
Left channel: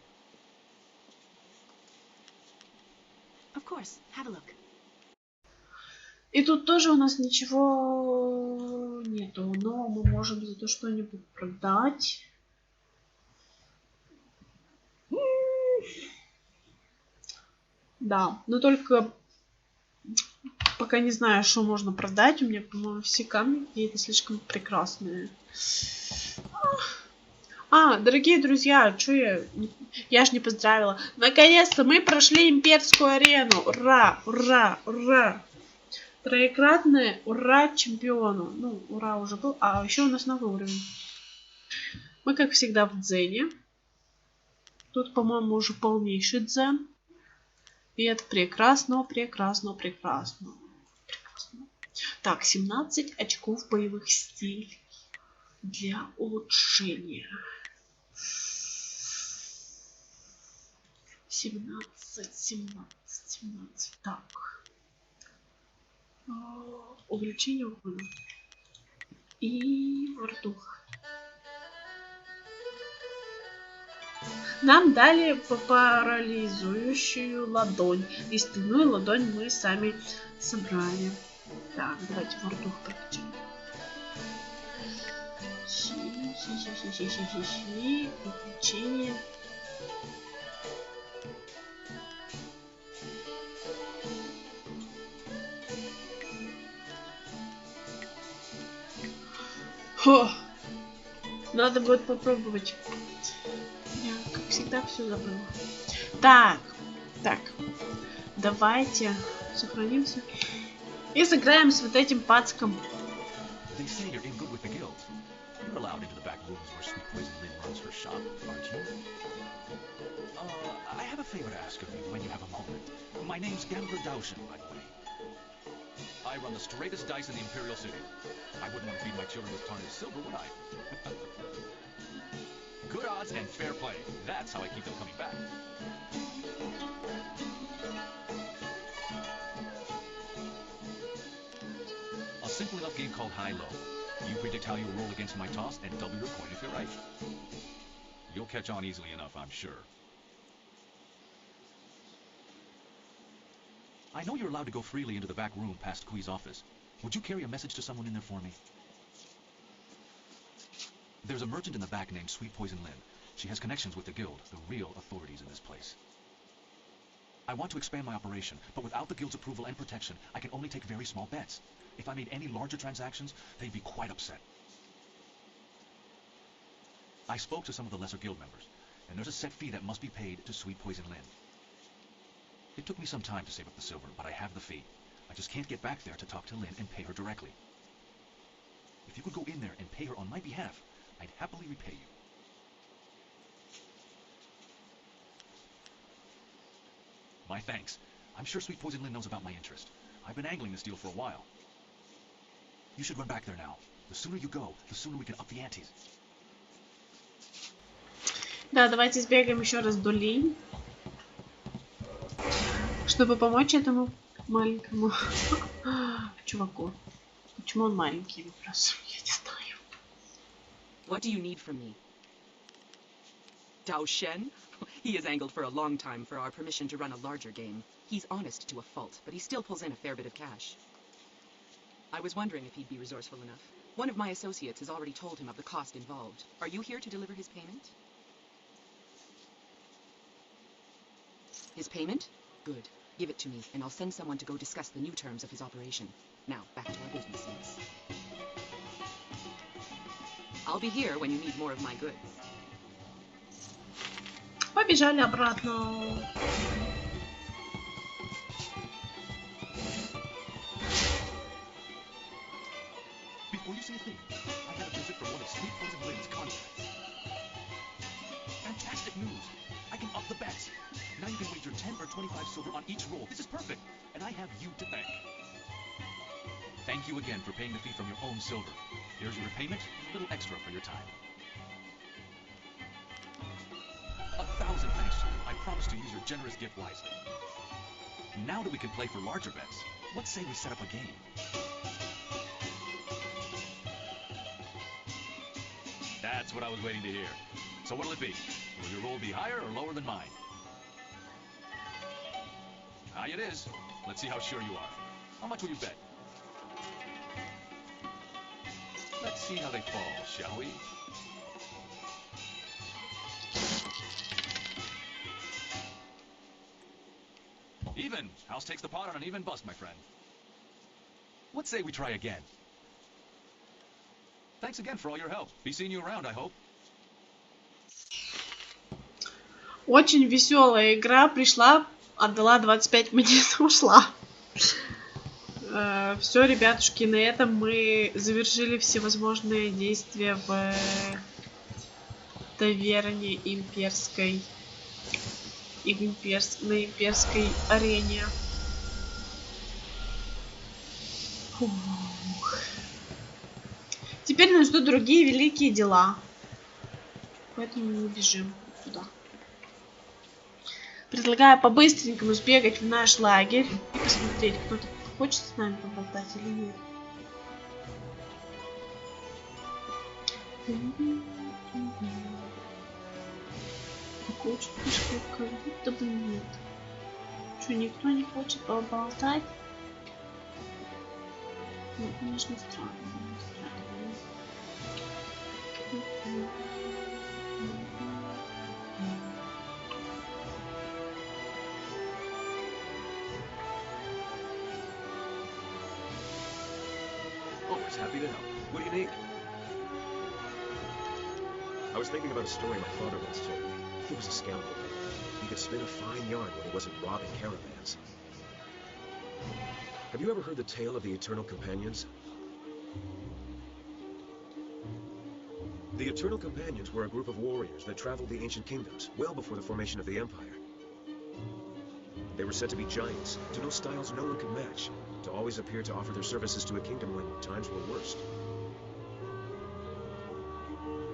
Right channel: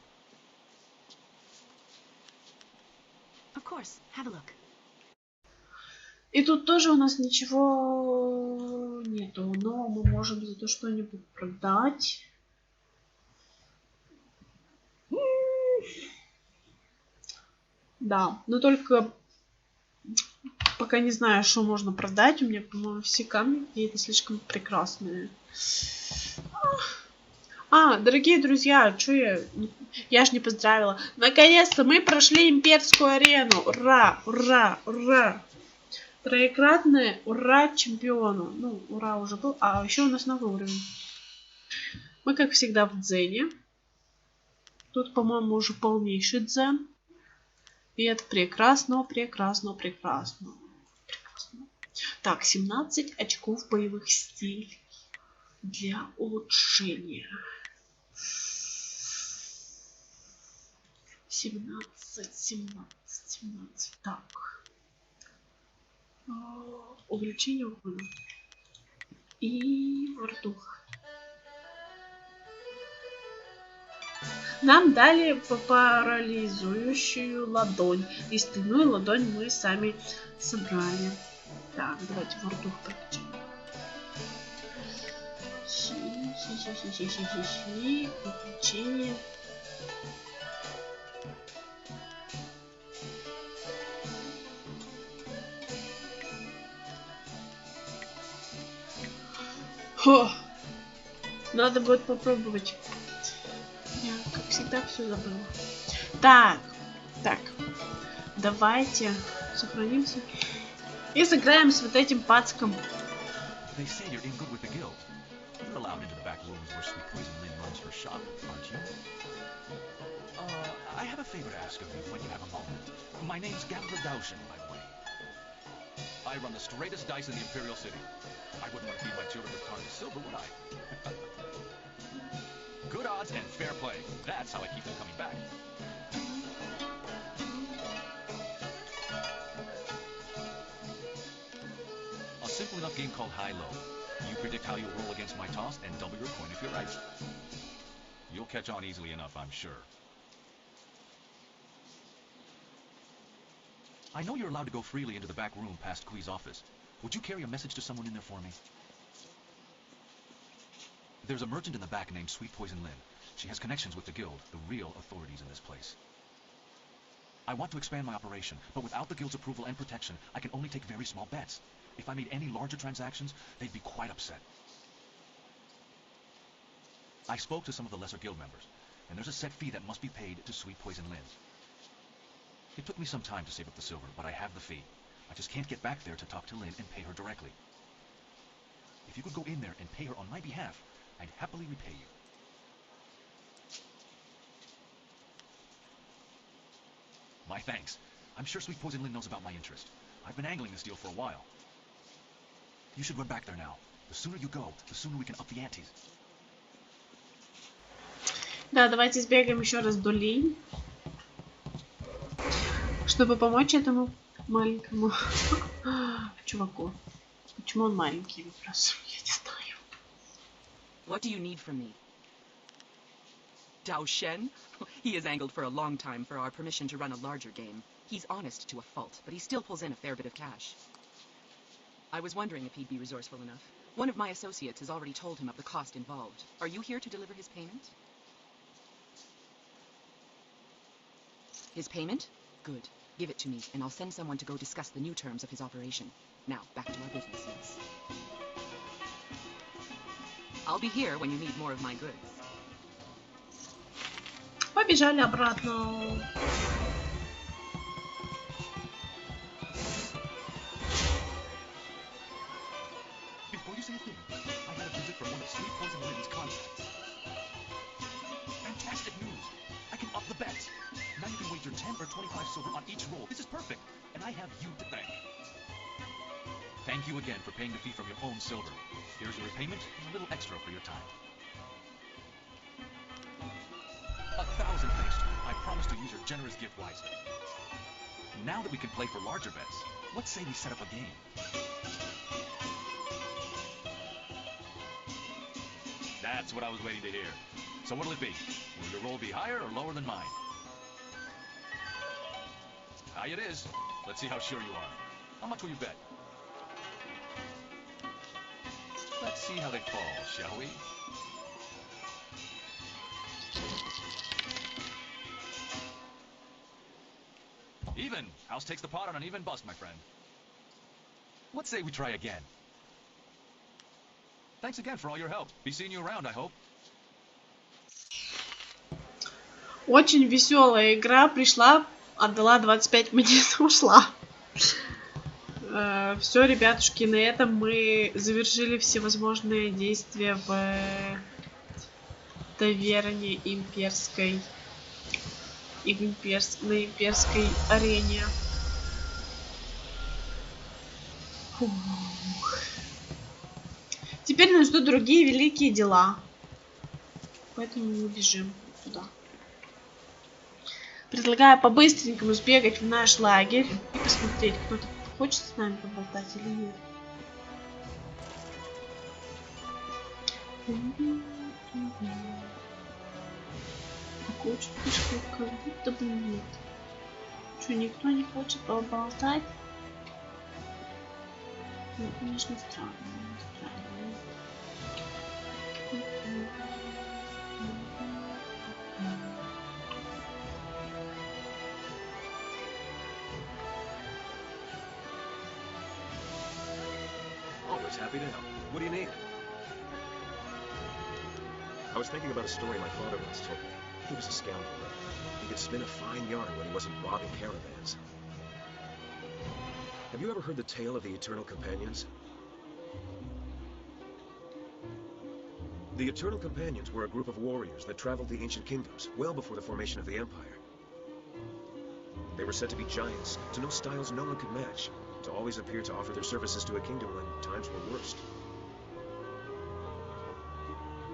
Of course, have a look. И тут тоже у нас ничего нету, но мы можем зато что-нибудь продать. Да, но только пока не знаю, что можно продать. У меня, по-моему, все камни какие-то слишком прекрасные. Дорогие друзья, что я ж не поздравила. Наконец-то мы прошли Имперскую арену. Ура, ура, ура. Троекратное ура чемпиону. Ну, ура уже был. А еще у нас новый уровень. Мы, как всегда, в дзене. Тут, по-моему, уже полнейший дзен. И это прекрасно, прекрасно, прекрасно. Так, 17 очков боевых стилей для улучшения. 17. Так. Увеличение урона. И вардух. Нам дали парализующую ладонь. И стальную ладонь мы сами собрали. Так, давайте вардух прокачаем. Приключение. Надо будет попробовать. Я, как всегда, все забыла. Так. Давайте сохранимся. И сыграем с вот этим пацком. I run the straightest dice in the Imperial City. I wouldn't want to keep my children with part of silver, would I? Good odds and fair play. That's how I keep them coming back. A simple enough game called high-low. You predict how you'll roll against my toss and double your point if you're right. You'll catch on easily enough, I'm sure. I know you're allowed to go freely into the back room past Kui's office. Would you carry a message to someone in there for me? There's a merchant in the back named Sweet Poison Lynn. She has connections with the guild, the real authorities in this place. I want to expand my operation, but without the guild's approval and protection, I can only take very small bets. If I made any larger transactions, they'd be quite upset. I spoke to some of the lesser guild members, and there's a set fee that must be paid to Sweet Poison Lynn. It took me some time to save up the silver, but I have the fee. I just can't get back there to talk to Lynn and pay her directly. If you could go in there and pay her on my behalf, I'd happily repay you. My thanks. I'm sure Sweet Poison Lynn knows about my interest. I've been angling this deal for a while. You should run back there now. The sooner you go, the sooner we can up the ante. Да, давайте сбегаем еще раз до Ли, чтобы помочь этому маленькому чуваку. Почему он маленький, вопрос? Я не знаю. What do you need from me? Dao Shen? He has angled for a long time for our permission to run a larger game. He's honest to a fault, but he still pulls in a fair bit of cash. I was wondering if he'd be resourceful enough. One of my associates has already told him of the cost involved. Are you here to deliver his payment? His payment? Good. Give it to me, and I'll send someone to go discuss the new terms of his operation. Now, back to my business, yes. I'll be here when you need more of my goods. Побежали обратно. Before you say a thing, I'm going to visit from one of Sweet Poison Lynn's contacts. Fantastic news! I can up the bets. Now you can wager 10 or 25 silver on each roll. This is perfect, and I have you to thank. Thank you again for paying the fee from your own silver. Here's your repayment, a little extra for your time. 1,000 thanks to you. I promise to use your generous gift wisely. Now that we can play for larger bets, let's say we set up a game. That's what I was waiting to hear. So what'll it be? Will your roll be higher or lower than mine? High it is. Let's see how sure you are. How much will you bet? Let's see how they fall, shall we? Even. House takes the pot on an even bust, my friend. Let's say we try again. Thanks again for all your help. Be seeing you around, I hope. Очень веселая игра. Пришла, отдала 25 монет, ушла. Все, ребятушки, на этом мы завершили всевозможные действия в таверне Имперской и на Имперской арене. Фух. Теперь нас ждут другие великие дела. Поэтому мы бежим туда. Предлагаю по-быстренькому сбегать в наш лагерь и посмотреть, кто-то хочет с нами поболтать или нет. Такое чувство, как будто бы нет. Что, никто не хочет поболтать? Ну, конечно, странно. Always happy to help. What do you need? I was thinking about a story my father once told me. He was a scoundrel. He could spin a fine yarn when he wasn't robbing caravans. Have you ever heard the tale of the Eternal Companions? The Eternal Companions were a group of warriors that traveled the ancient kingdoms, well before the formation of the Empire. They were said to be giants, to know styles no one could match, to always appear to offer their services to a kingdom when times were worst.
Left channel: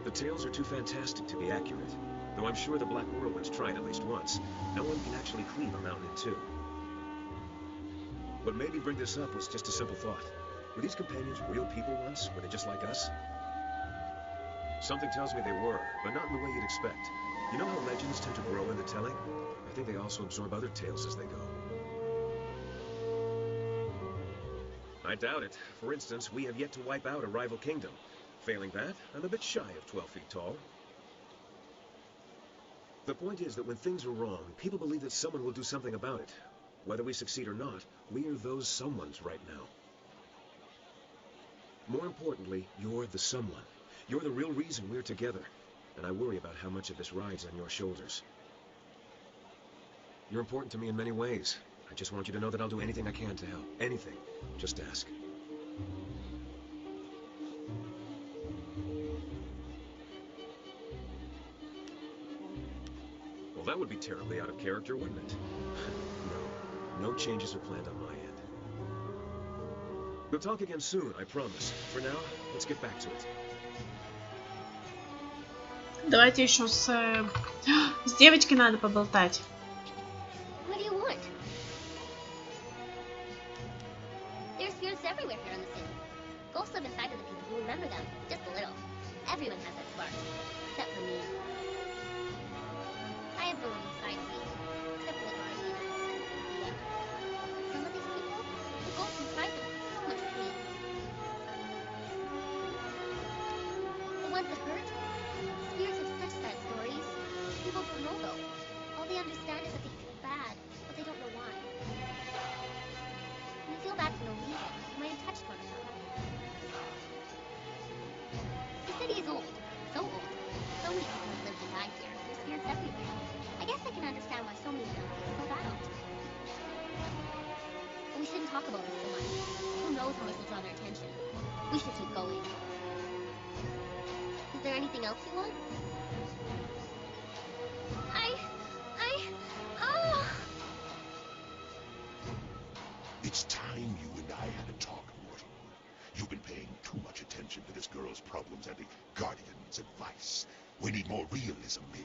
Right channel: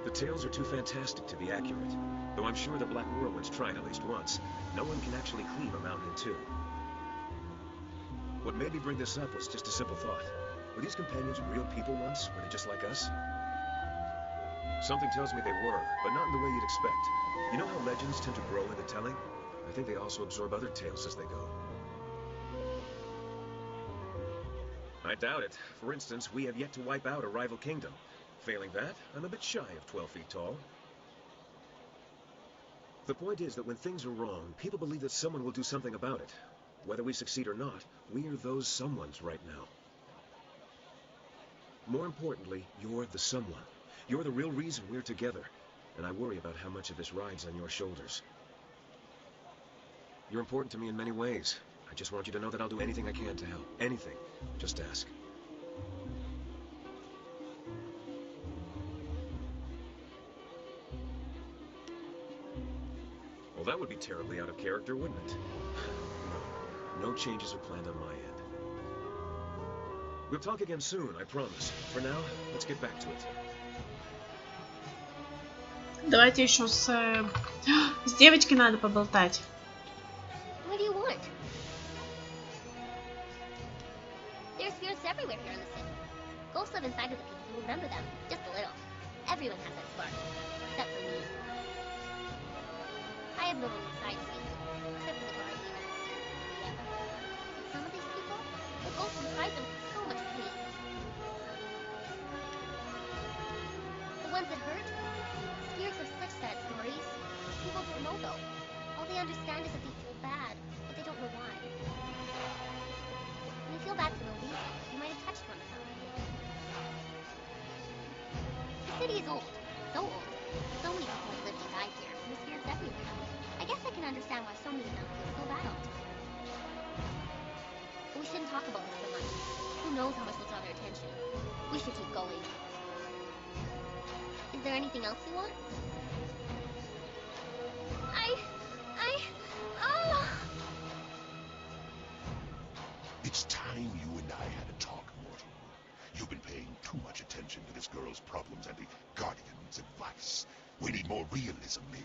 The tales are too fantastic to be accurate, though I'm sure the Black Whirlwinds tried at least once. No one can actually cleave a mountain in two. What made me bring this up was just a simple thought. Were these companions real people once? Were they just like us? Something tells me they were, but not in the way you'd expect. You know how legends tend to grow in the telling? I think they also absorb other tales as they go. I doubt it. For instance, we have yet to wipe out a rival kingdom. Failing that, I'm a bit shy of 12 feet tall. The point is that when things are wrong, people believe that someone will do something about it. Whether we succeed or not, we are those someones right now. More importantly, you're the someone. You're the real reason we're together. And I worry about how much of this rides on your shoulders. You're important to me in many ways. I just want you to know that I'll do anything I can to help. Anything. Just ask. Well, that would be terribly out of character, wouldn't it? No changes are planned on my end. We'll talk again soon, I promise. For now, let's get back to it. Давайте еще с девочкой надо поболтать. What do you want? There's spirits everywhere here in the city. Ghosts live inside of the people who remember them, just a little. Everyone has that spark, except for me. I have no one inside of me, except for the guardian. Yeah. Some of these people, the ghosts inside them, so much hate. The ones that hurt, spirits have such sad stories. People don't know though. All they understand is that they feel bad, but they don't know why. When you feel bad for no reason, you might have touched one of them. The city is old. So old. So many people have lived and died here. There's spirits everywhere. I guess I can understand why so many of them feel so bad. But we shouldn't talk about this so much. Who knows how much will draw their attention. We should keep going. Is there anything else you want? Oh! It's time you and I had a talk, mortal. You've been paying too much attention to this girl's problems and the Guardian's advice. We need more realism here.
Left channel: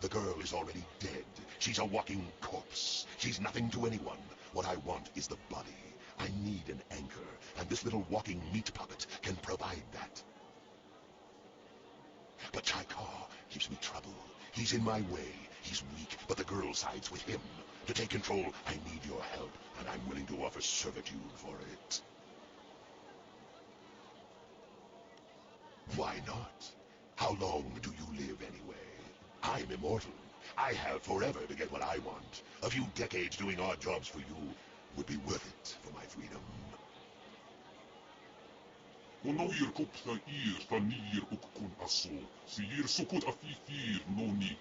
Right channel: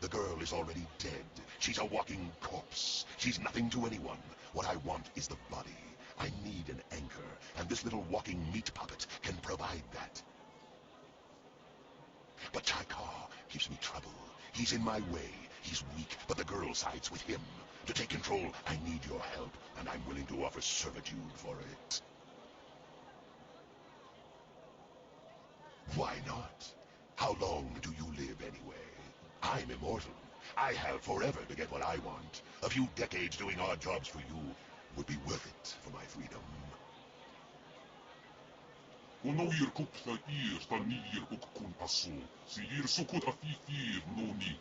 The girl is already dead. She's a walking corpse. She's nothing to anyone. What I want is the body. I need an anchor, and this little walking meat puppet can provide that. But Chaikar gives me trouble. He's in my way. He's weak, but the girl sides with him. To take control, I need your help, and I'm willing to offer servitude for it. Why not? How long do you live anyway? I'm immortal. I have forever to get what I want. A few decades doing odd jobs for you would be worth it for my freedom. Onoir kupta ir fanir ukun aso, si ir sukut afifir noni.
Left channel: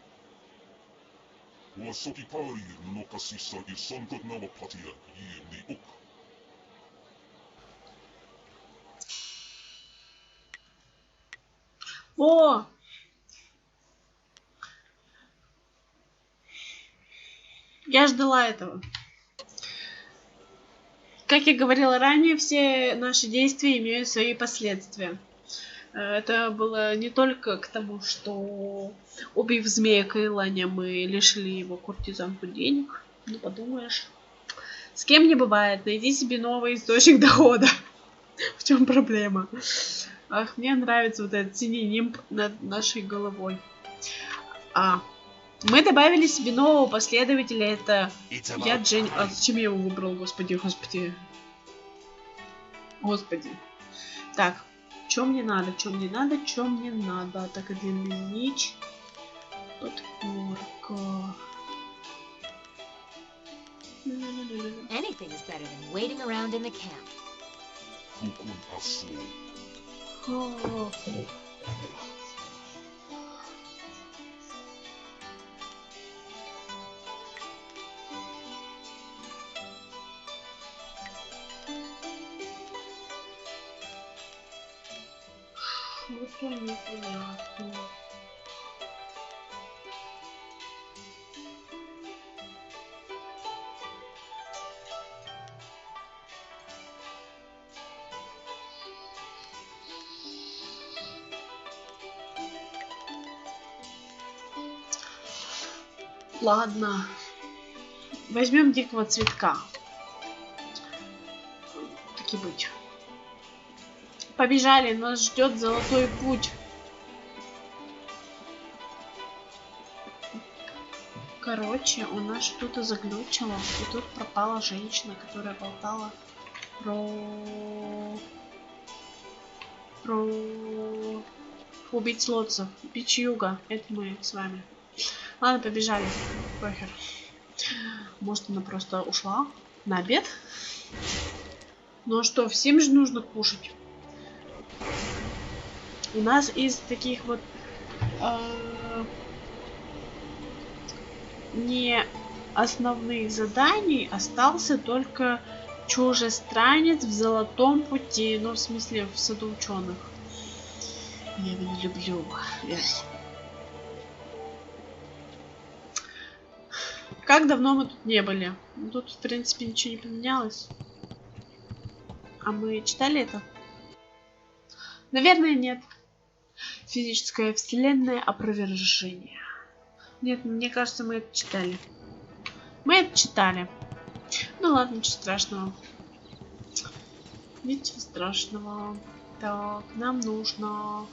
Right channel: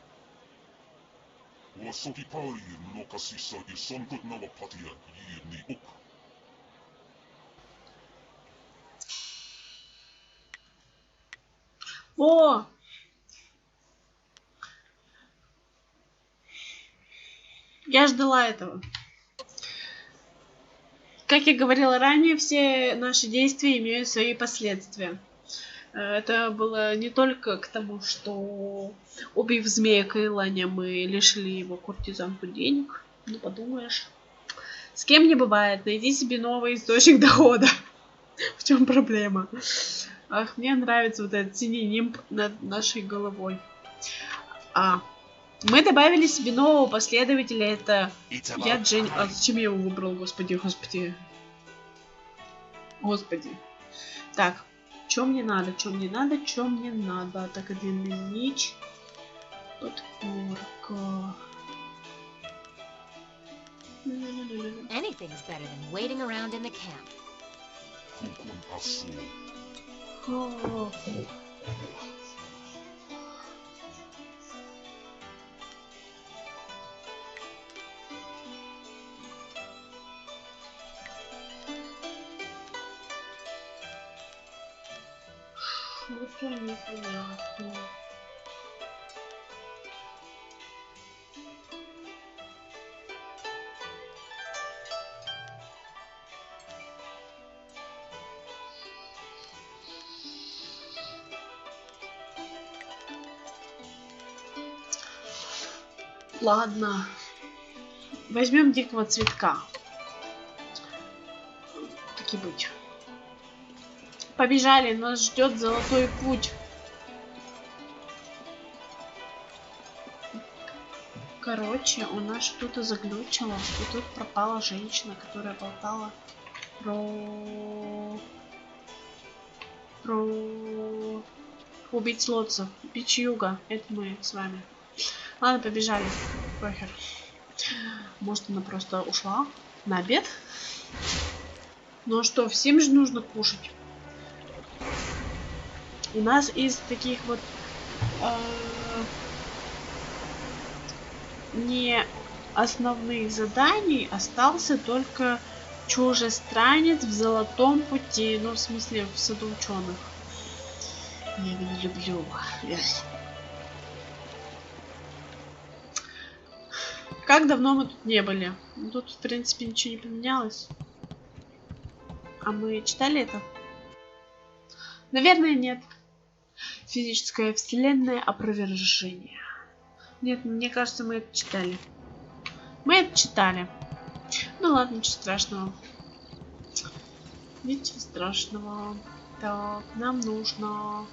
O sokipair no kasisa I sonkot na wapatia ir ni uk. О! Я ждала этого. Как я говорила ранее, все наши действия имеют свои последствия. Это было не только к тому, что, убив змея Кайланя, мы лишили его куртизанку денег. Ну, подумаешь. С кем не бывает. Найди себе новый источник дохода. В чем проблема? Ах, мне нравится вот этот синий нимб над нашей головой. Мы добавили себе нового последователя. Это я, Дженни. А зачем я его выбрал? Господи. Так, что мне надо? Так, длинный меч. Подпорка. Anything is better than waiting around in the camp. Что-то непонятно. Ладно. Возьмем дикого цветка. Так и быть. Побежали, нас ждет золотой путь. Короче, у нас что-то заглючило, и тут пропала женщина, которая болтала про убить лотцев, бич юга. Это мы с вами. Ладно, побежали. Похер. Может, она просто ушла на обед? Ну а что, всем же нужно кушать. У нас из таких вот не основных заданий остался только чужестранец в золотом пути. Ну, в смысле, в саду ученых. Я его не люблю. Как давно мы тут не были? Тут, в принципе, ничего не поменялось. А мы читали это? Наверное, нет. Физическая вселенная опровержение. Нет, мне кажется, мы это читали. Мы это читали. Ну ладно, ничего страшного. Ничего страшного. Так, нам нужно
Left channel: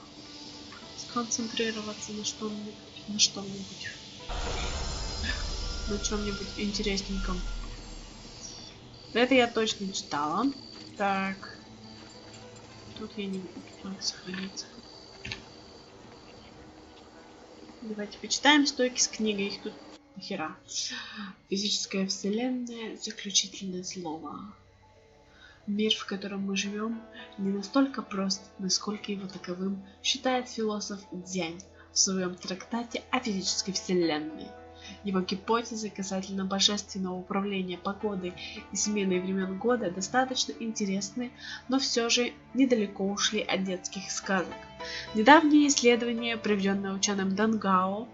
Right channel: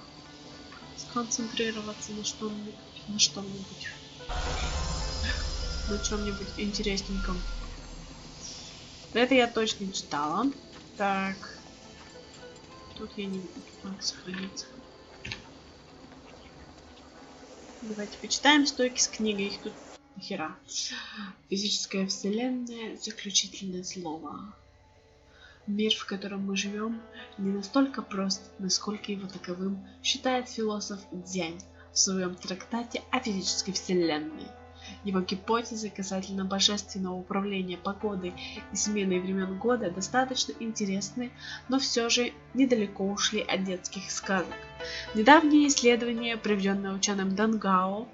сконцентрироваться на что-нибудь. На чем-нибудь интересненьком. Это я точно читала. Так. Тут я не буду. Надо сохраниться. Давайте почитаем стойки с книгой. Их тут нахера. Физическая вселенная. Заключительное слово. Мир, в котором мы живем, не настолько прост, насколько его таковым считает философ Дзянь в своем трактате о физической вселенной. Его гипотезы касательно божественного управления погодой и сменой времен года достаточно интересны, но все же недалеко ушли от детских сказок. Недавнее исследование, проведенное ученым Дангао,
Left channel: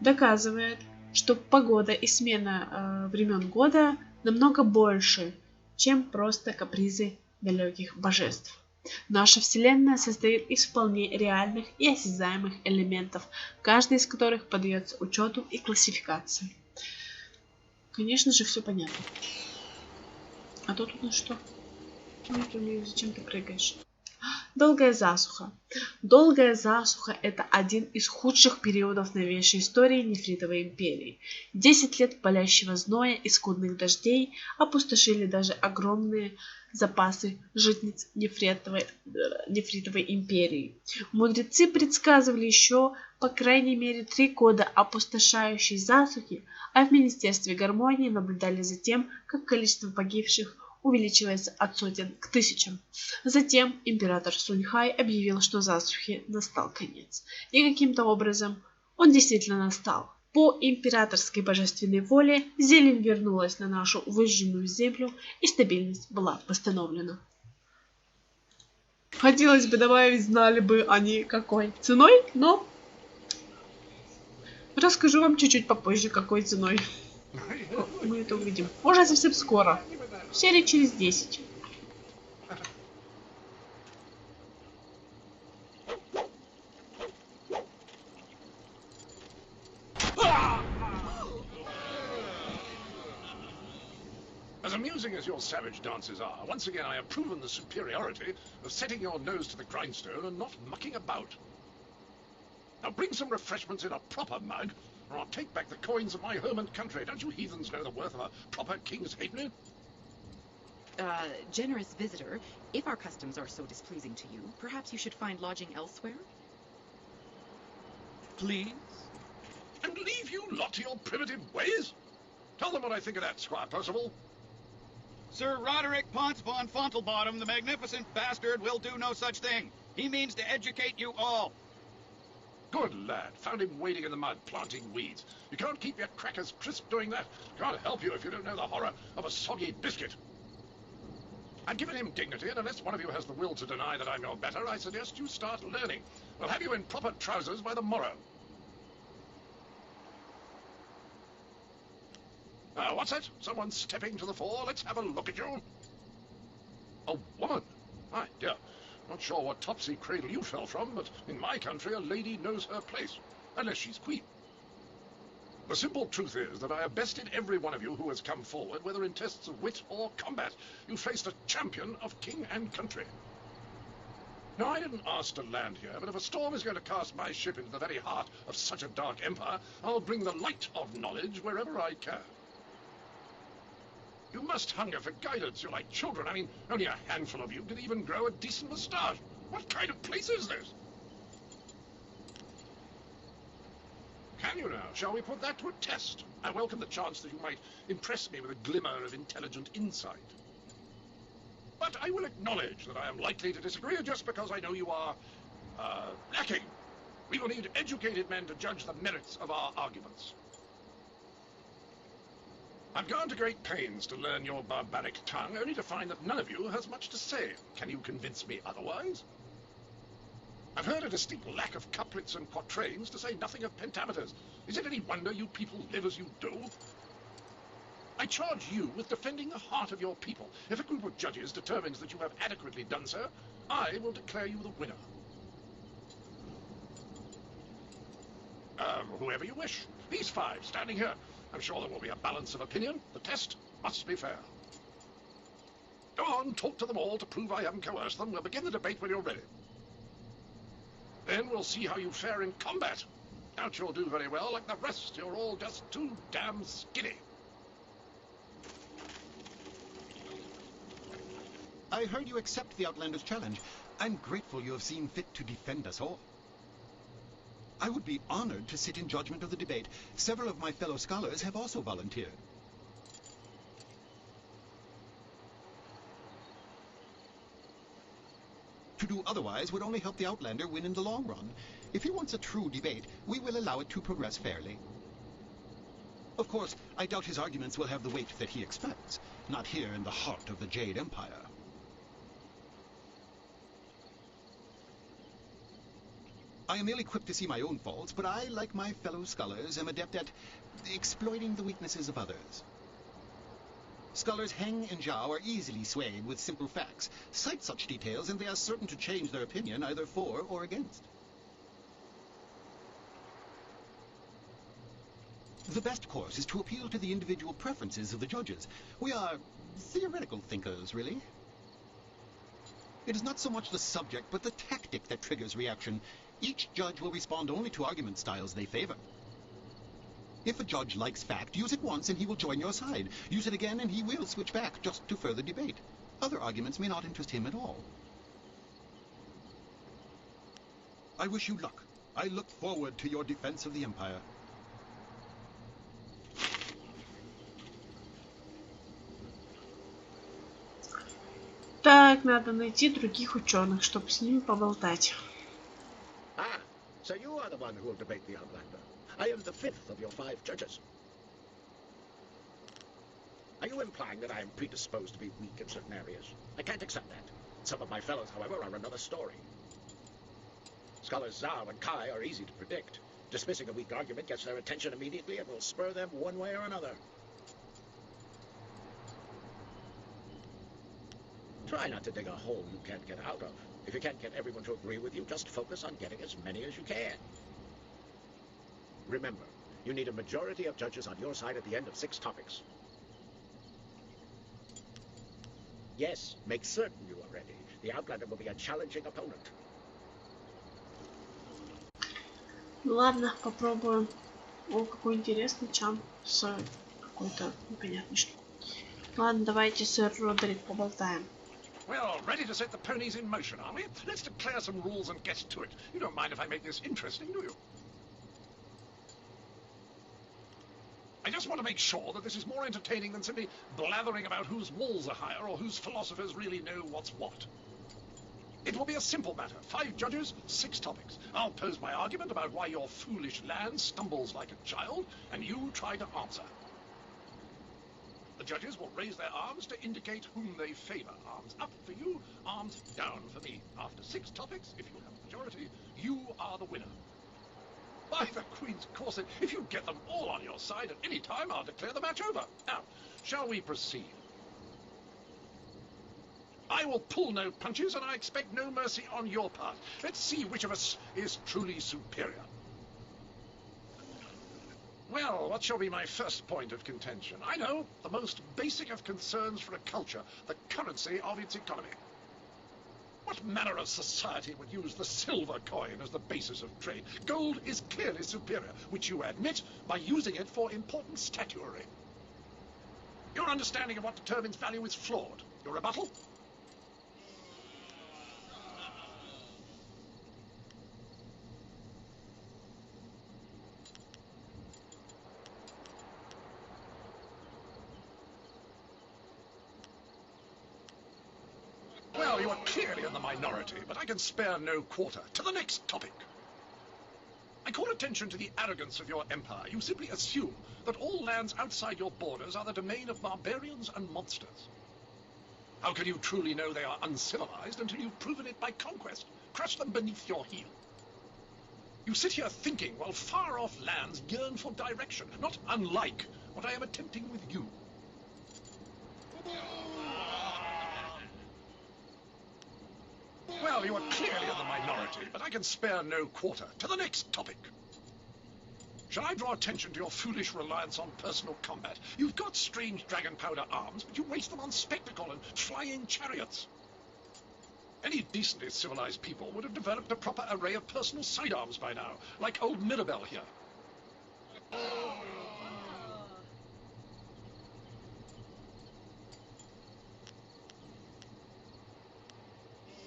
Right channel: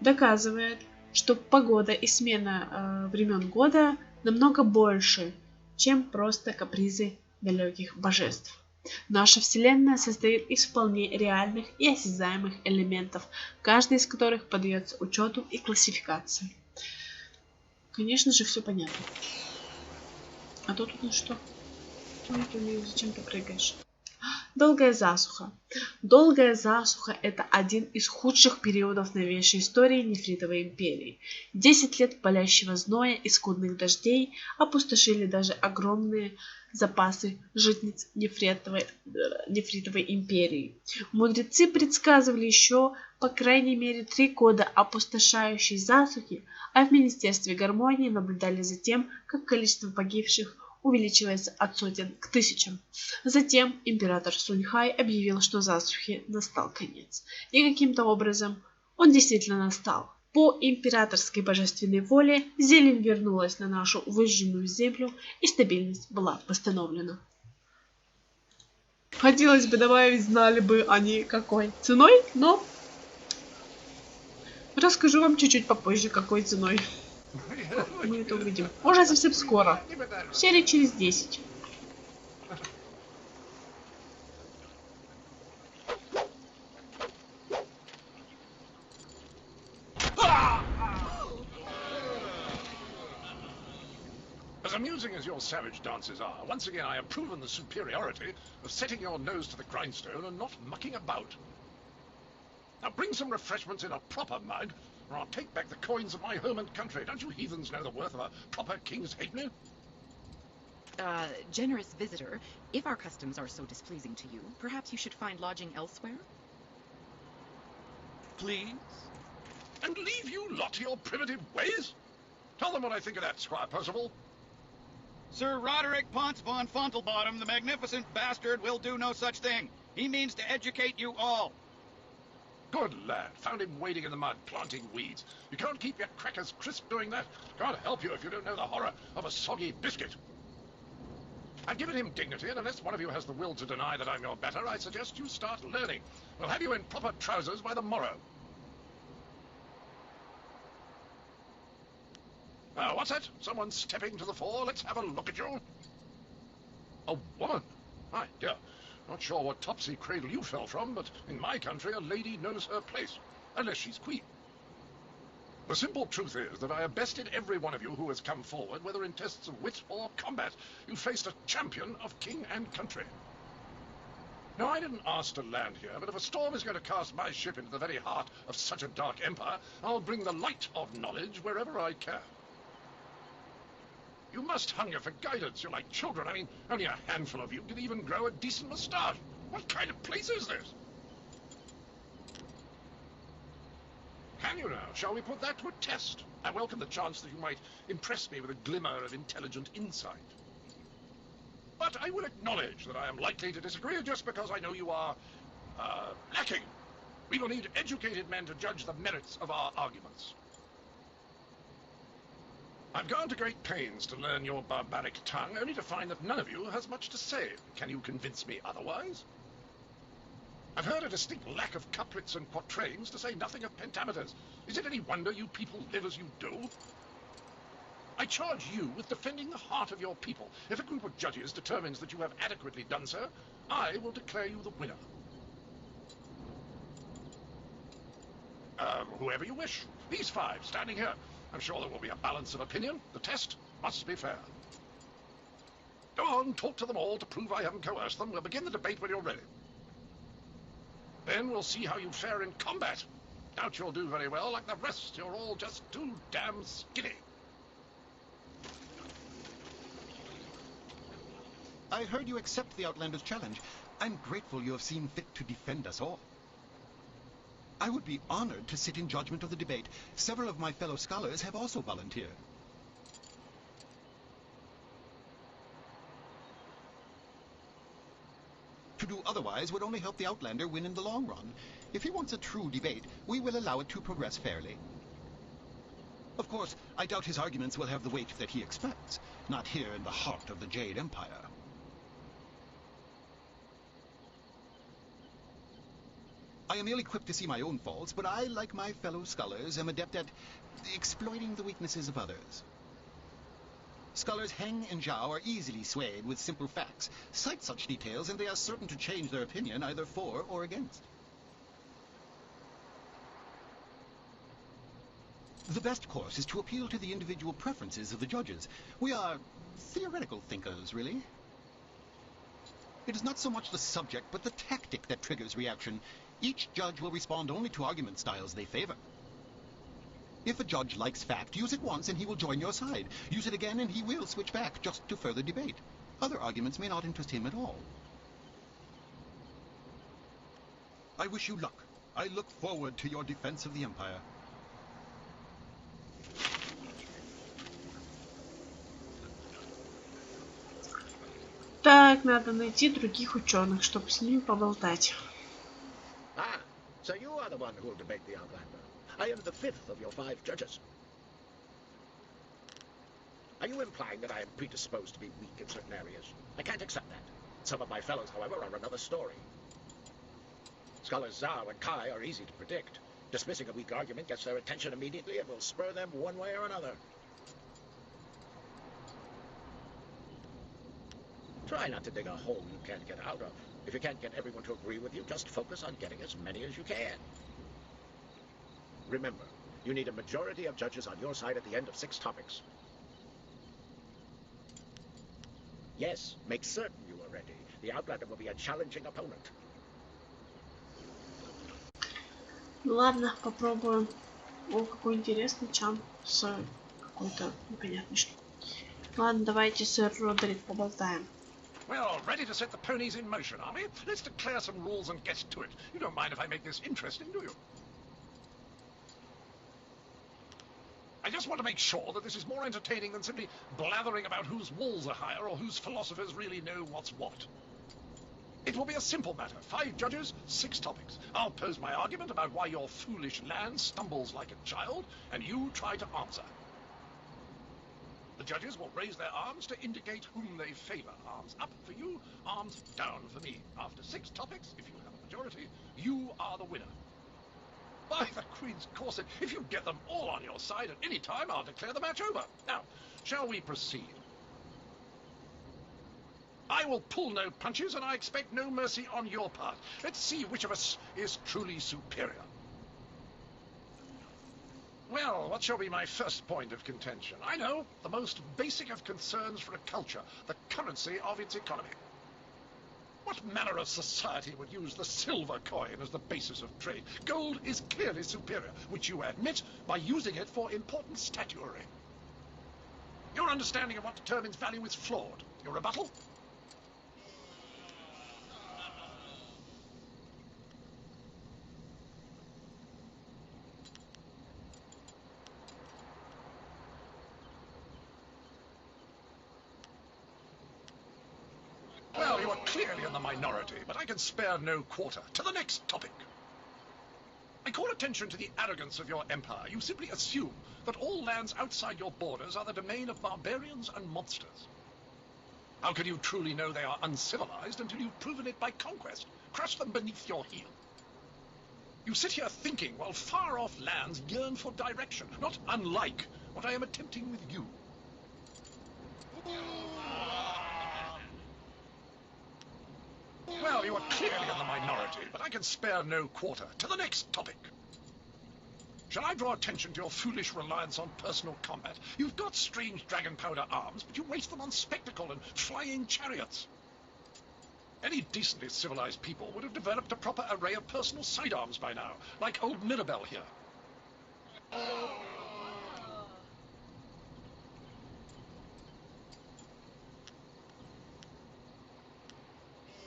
доказывает, что погода и смена времен года намного больше, чем просто капризы далеких божеств. Наша Вселенная состоит из вполне реальных и осязаемых элементов, каждый из которых поддается учету и классификации. Конечно же, все понятно. А тут у нас что? Ой, зачем ты прыгаешь? Долгая засуха. Долгая засуха – это один из худших периодов новейшей истории Нефритовой империи. 10 лет палящего зноя и скудных дождей опустошили даже огромные запасы житниц Нефритовой империи. Мудрецы предсказывали еще, по крайней мере, 3 года опустошающей засухи, а в Министерстве гармонии наблюдали за тем, как количество погибших увеличивается от сотен к тысячам. Затем император Суньхай объявил, что засухе настал конец. И каким-то образом он действительно настал. По императорской божественной воле зелень вернулась на нашу выжженную землю, и стабильность была восстановлена. Хотелось бы добавить, знали бы они какой ценой, но расскажу вам чуть-чуть попозже, какой ценой. Мы это увидим. Уже совсем скоро. Серии через 10. As amusing as your savage dances are, once again I have proven the superiority of setting your nose to the grindstone and not mucking about. Now bring some refreshments in a proper mug, or I'll take back the coins of my home and country. Don't you heathens know the worth of a proper king's halfpenny? Generous visitor, if our customs are so displeasing to you, perhaps you should find lodging elsewhere? Please? And leave you lot to your primitive ways? Tell them what I think of that, Squire Percival. Sir Roderick Potts von Fontelbottom, the magnificent bastard, will do no such thing. He means to educate you all. Good lad. Found him wading in the mud, planting weeds. You can't keep your crackers crisp doing that. Can't help you if you don't know the horror of a soggy biscuit. I've given him dignity, and unless one of you has the will to deny that I'm your better, I suggest you start learning. We'll have you in proper trousers by the morrow. What's that? Someone stepping to the fore? Let's have a look at you. A woman? My dear. Not sure what topsy cradle you fell from, but in my country a lady knows her place. Unless she's queen. The simple truth is that I have bested every one of you who has come forward, whether in tests of wit or combat. You faced a champion of king and country. Now, I didn't ask to land here, but if a storm is going to cast my ship into the very heart of such a dark empire, I'll bring the light of knowledge wherever I can. You must hunger for guidance. You're like children. I mean, only a handful of you can even grow a decent moustache. What kind of place is this? Can you now? Shall we put that to a test? I welcome the chance that you might impress me with a glimmer of intelligent insight. But I will acknowledge that I am likely to disagree just because I know you are, lacking. We will need educated men to judge the merits of our arguments. I've gone to great pains to learn your barbaric tongue, only to find that none of you has much to say. Can you convince me otherwise? I've heard a distinct lack of couplets and quatrains, to say nothing of pentameters. Is it any wonder you people live as you do? I charge you with defending the heart of your people. If a group of judges determines that you have adequately done so, I will declare you the winner. Whoever you wish. These five, standing here. I'm sure there will be a balance of opinion. The test must be fair. Go on, talk to them all to prove I haven't coerced them. We'll begin the debate when you're ready. Then we'll see how you fare in combat. Doubt you'll do very well. Like the rest, you're all just too damn skinny. I heard you accept the Outlander's challenge. I'm grateful you have seen fit to defend us all. I would be honored to sit in judgment of the debate. Several of my fellow scholars have also volunteered. To do otherwise would only help the Outlander win in the long run. If he wants a true debate, we will allow it to progress fairly. Of course, I doubt his arguments will have the weight that he expects. Not here in the heart of the Jade Empire. I am ill-equipped to see my own faults, but I, like my fellow scholars, am adept at exploiting the weaknesses of others. Scholars Heng and Zhao are easily swayed with simple facts. Cite such details, and they are certain to change their opinion either for or against. The best course is to appeal to the individual preferences of the judges. We are theoretical thinkers, really. It is not so much the subject, but the tactic that triggers reaction. Each judge will respond only to argument styles they favor. If a judge likes fact, use it once and he will join your side. Use it again and he will switch back just to further debate. Other arguments may not interest him at all. I wish you luck. I look forward to your defense of the Empire. Так, надо найти других ученых, чтобы с ними поболтать. So you are the one who will debate the Outlander. I am the fifth of your 5 judges. Are you implying that I am predisposed to be weak in certain areas? I can't accept that. Some of my fellows, however, are another story. Scholars Zhao and Kai are easy to predict. Dismissing a weak argument gets their attention immediately and will spur them one way or another. Try not to dig a hole you can't get out of. If you can't get everyone to agree with you, just focus on getting as many as you can. Remember, you need a majority of judges on your side at the end of 6 topics. Yes, make certain you are ready. The Outlander will be a challenging opponent. Ладно, попробуем. О, какой интересный чам с какой-то непонятной штукой. Ладно, давайте, сэр Родерик, поболтаем. Well, ready to set the ponies in motion, are we? Let's declare some rules and get to it. You don't mind if I make this interesting, do you? I just want to make sure that this is more entertaining than simply blathering about whose walls are higher or whose philosophers really know what's what. It will be a simple matter. 5 judges, 6 topics. I'll pose my argument about why your foolish land stumbles like a child, and you try to answer. The judges will raise their arms to indicate whom they favor. Arms up for you, arms down for me. After 6 topics, if you have a majority, you are the winner. By the Queen's corset, if you get them all on your side at any time, I'll declare the match over. Now, shall we proceed? I will pull no punches, and I expect no mercy on your part. Let's see which of us is truly superior. Well, what shall be my first point of contention? I know, the most basic of concerns for a culture, the currency of its economy. What manner of society would use the silver coin as the basis of trade? Gold is clearly superior, which you admit by using it for important statuary. Your understanding of what determines value is flawed. Your rebuttal? Well, you are clearly in the minority, but I can spare no quarter. To the next topic. I call attention to the arrogance of your empire. You simply assume that all lands outside your borders are the domain of barbarians and monsters. How can you truly know they are uncivilized until you've proven it by conquest? Crush them beneath your heel. You sit here thinking while far-off lands yearn for direction, not unlike what I am attempting with you. Well, you are clearly in the minority, but I can spare no quarter. To the next topic. Shall I draw attention to your foolish reliance on personal combat? You've got strange dragon powder arms, but you waste them on spectacle and flying chariots. Any decently civilized people would have developed a proper array of personal sidearms by now, like old Mirabelle here.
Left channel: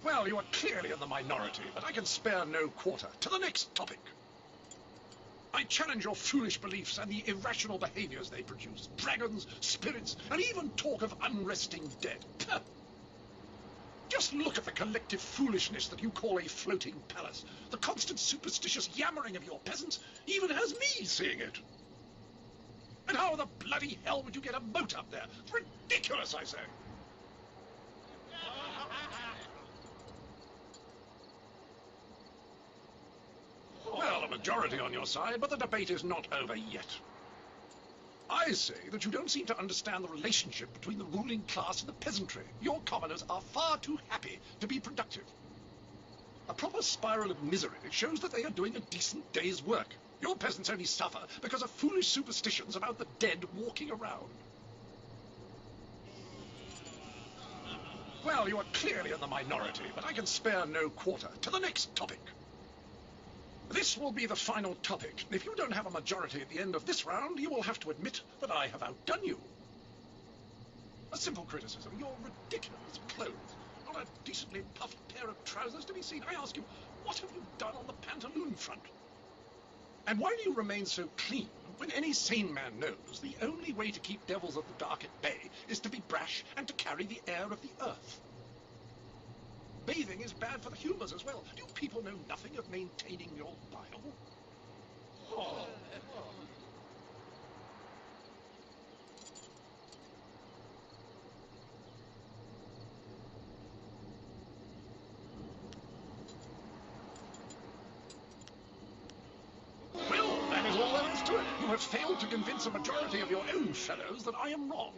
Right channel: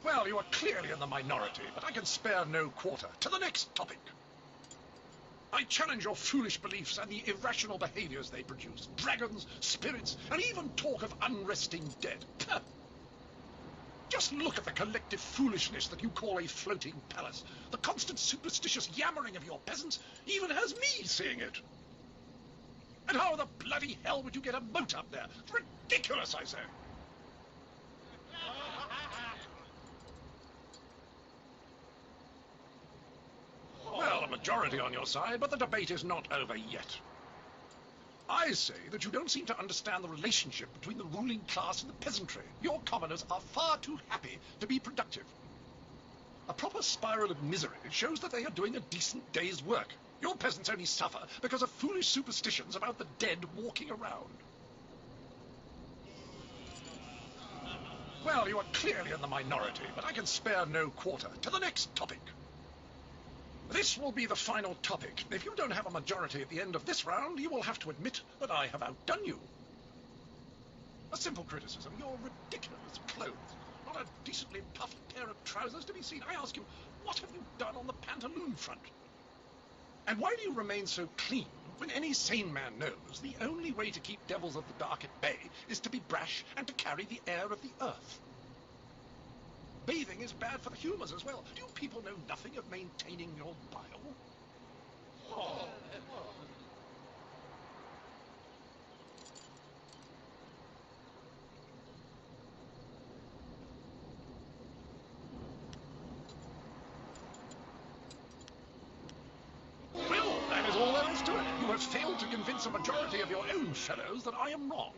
Well, you are clearly in the minority, but I can spare no quarter. To the next topic. I challenge your foolish beliefs and the irrational behaviors they produce. Dragons, spirits, and even talk of unresting dead. Just look at the collective foolishness that you call a floating palace. The constant superstitious yammering of your peasants even has me seeing it. And how the bloody hell would you get a moat up there? It's ridiculous, I say. Well, a majority on your side, but the debate is not over yet. I say that you don't seem to understand the relationship between the ruling class and the peasantry. Your commoners are far too happy to be productive. A proper spiral of misery shows that they are doing a decent day's work. Your peasants only suffer because of foolish superstitions about the dead walking around. Well, you are clearly in the minority, but I can spare no quarter. To the next topic. This will be the final topic. If you don't have a majority at the end of this round, you will have to admit that I have outdone you. A simple criticism. Your ridiculous clothes. Not a decently puffed pair of trousers to be seen. I ask you, what have you done on the pantaloon front? And why do you remain so clean when any sane man knows the only way to keep devils of the dark at bay is to be brash and to carry the air of the earth? Bathing is bad for the humors as well. Do you people know nothing of maintaining your bile? Oh. Well, that is all there is to it. You have failed to convince a majority of your own fellows that I am wrong.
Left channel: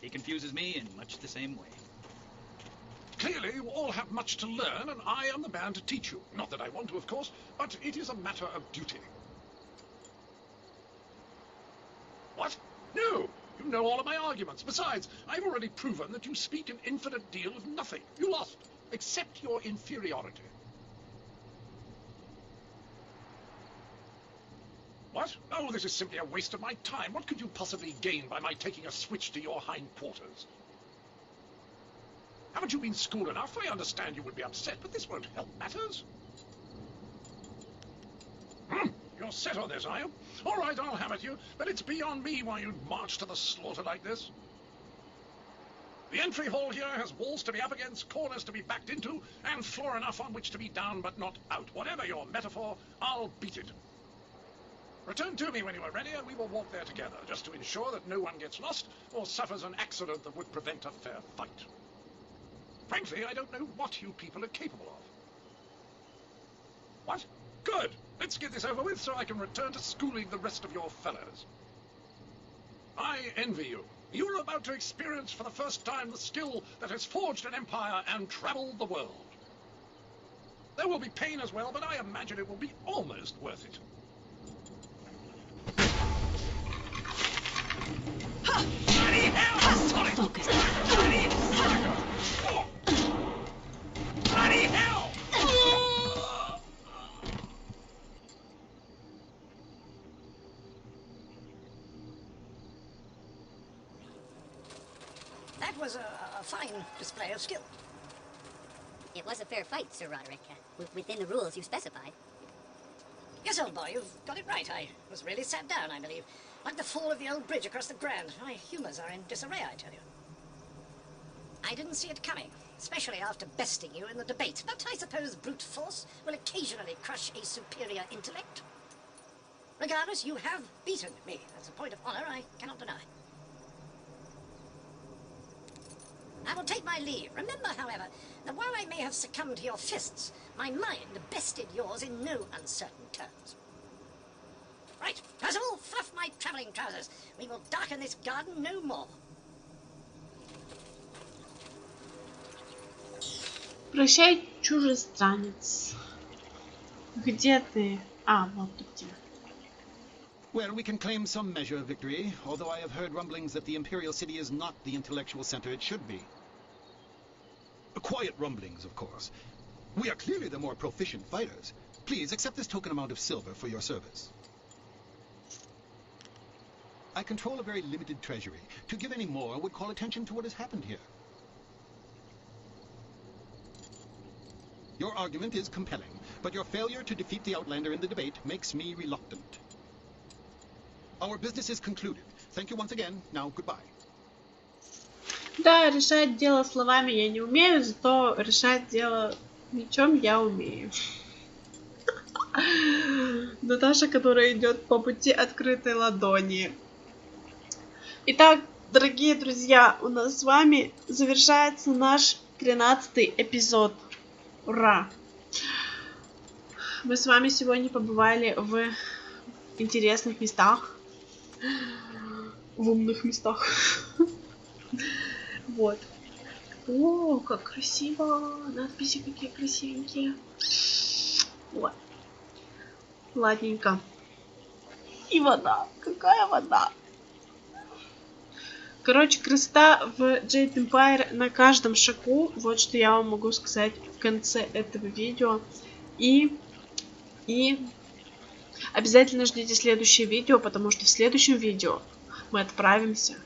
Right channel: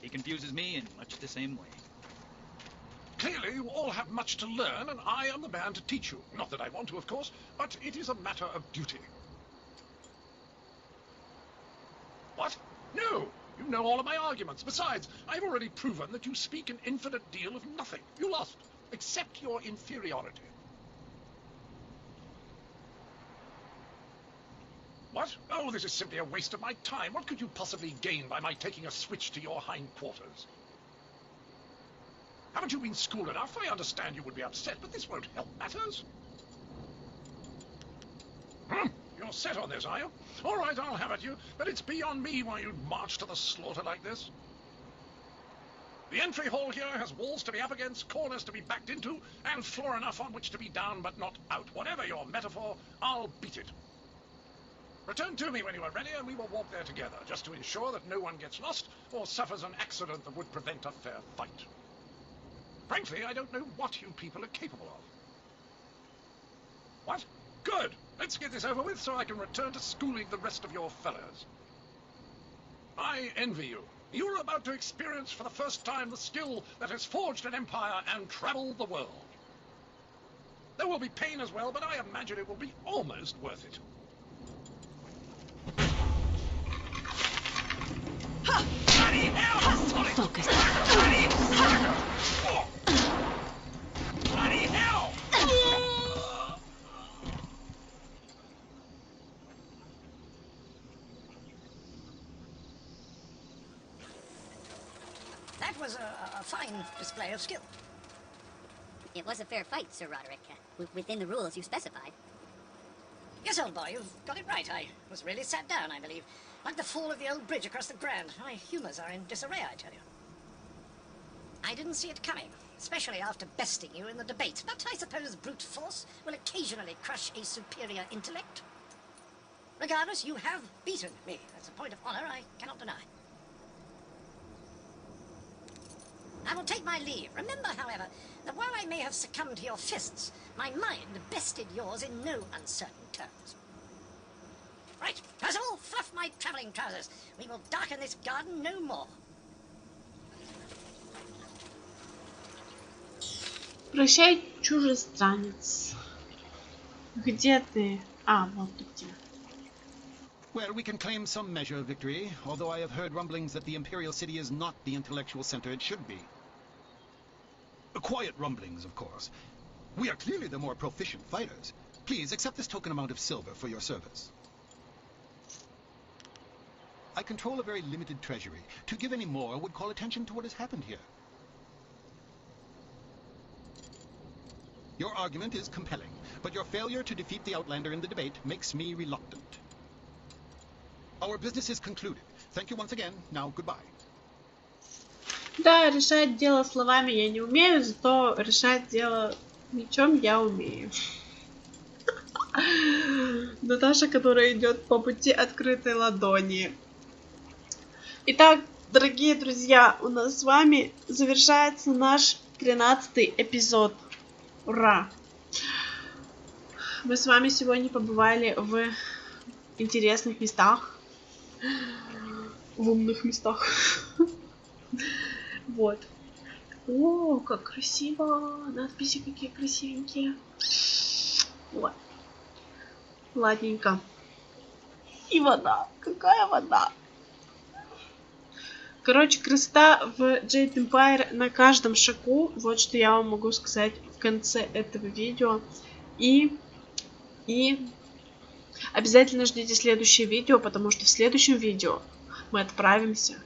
He confuses me in much the same way. Clearly, you all have much to learn, and I am the man to teach you. Not that I want to, of course, but it is a matter of duty. What? No! You know all of my arguments. Besides, I've already proven that you speak an infinite deal of nothing. You lost. Accept your inferiority. What? Oh, this is simply a waste of my time. What could you possibly gain by my taking a switch to your hindquarters? Haven't you been schooled enough? I understand you would be upset, but this won't help matters. You're set on this, are you? All right, I'll have it, you. But it's beyond me why you'd march to the slaughter like this. The entry hall here has walls to be up against, corners to be backed into, and floor enough on which to be down but not out. Whatever your metaphor, I'll beat it. Return to me when you are ready, and we will walk there together, just to ensure that no one gets lost or suffers an accident that would prevent a fair fight. Frankly, I don't know what you people are capable of. What? Good! Let's get this over with so I can return to schooling the rest of your fellows. I envy you. You're about to experience for the first time the skill that has forged an empire and traveled the world. There will be pain as well, but I imagine it will be almost worth it. Focus. That was a fine display of skill. It was a fair fight, Sir Roderick, within the rules you specified. Yes, old boy, you've got it right. I was really sat down, I believe. Like the fall of the old bridge across the Grand. My humours are in disarray, I tell you. I didn't see it coming, especially after besting you in the debate. But I suppose brute force will occasionally crush a superior intellect. Regardless, you have beaten me. That's a point of honour I cannot deny. I will take my leave. Remember, however, that while I may have succumbed to your fists, my mind bested yours in no uncertain terms. Right, Percival, fluff my travelling trousers. We will darken this garden no more. Прощай, чужестранец. Где ты? А, вот ты где. Well, we can claim some measure of victory, although I have heard rumblings that the Imperial City is not the intellectual center it should be. Quiet rumblings, of course. We are clearly the more proficient fighters. Please accept this token amount of silver for your service. I control a very limited treasury. To give any more would call attention to what has happened here. Your argument is compelling, but your failure to defeat the Outlander in the debate makes me reluctant. Our business is concluded. Thank you once again. Now, goodbye. Да, решать дело словами я не умею, зато решать дело мечом я умею. Наташа, которая идет по пути открытой ладони. Итак, дорогие друзья, у нас с вами завершается наш 13-й эпизод. Ура! Мы с вами сегодня побывали в интересных местах, в умных местах. Вот. О, как красиво! Надписи какие красивенькие. Вот. Ладненько. И вода. Какая вода? Короче, красота в Jade Empire на каждом шагу. Вот что я вам могу сказать в конце этого видео. И обязательно ждите следующее видео, потому что в следующем видео мы отправимся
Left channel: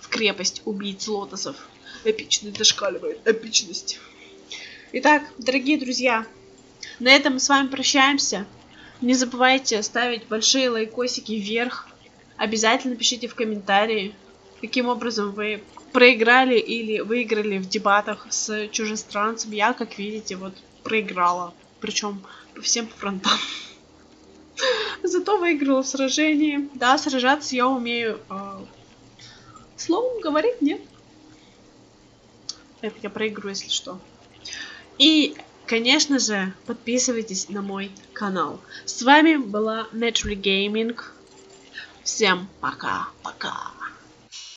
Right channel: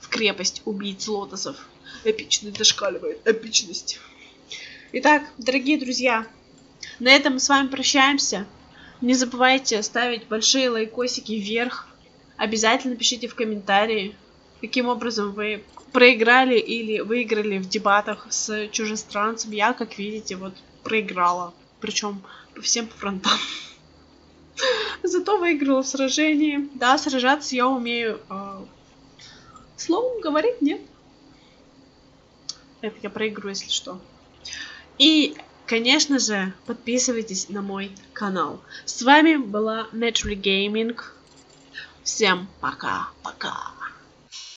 в крепость убийц лотосов. Эпичность зашкаливает. Эпичность. Итак, дорогие друзья, на этом мы с вами прощаемся. Не забывайте ставить большие лайкосики вверх. Обязательно пишите в комментарии, каким образом вы проиграли или выиграли в дебатах с чужестранцем. Я, как видите, вот проиграла. Причем по всем фронтам. Зато выиграла в сражении. Да, сражаться я умею. Словом говорить нет. Это я проиграю, если что. И, конечно же, подписывайтесь на мой канал. С вами была Naturally Gaming. Всем пока-пока.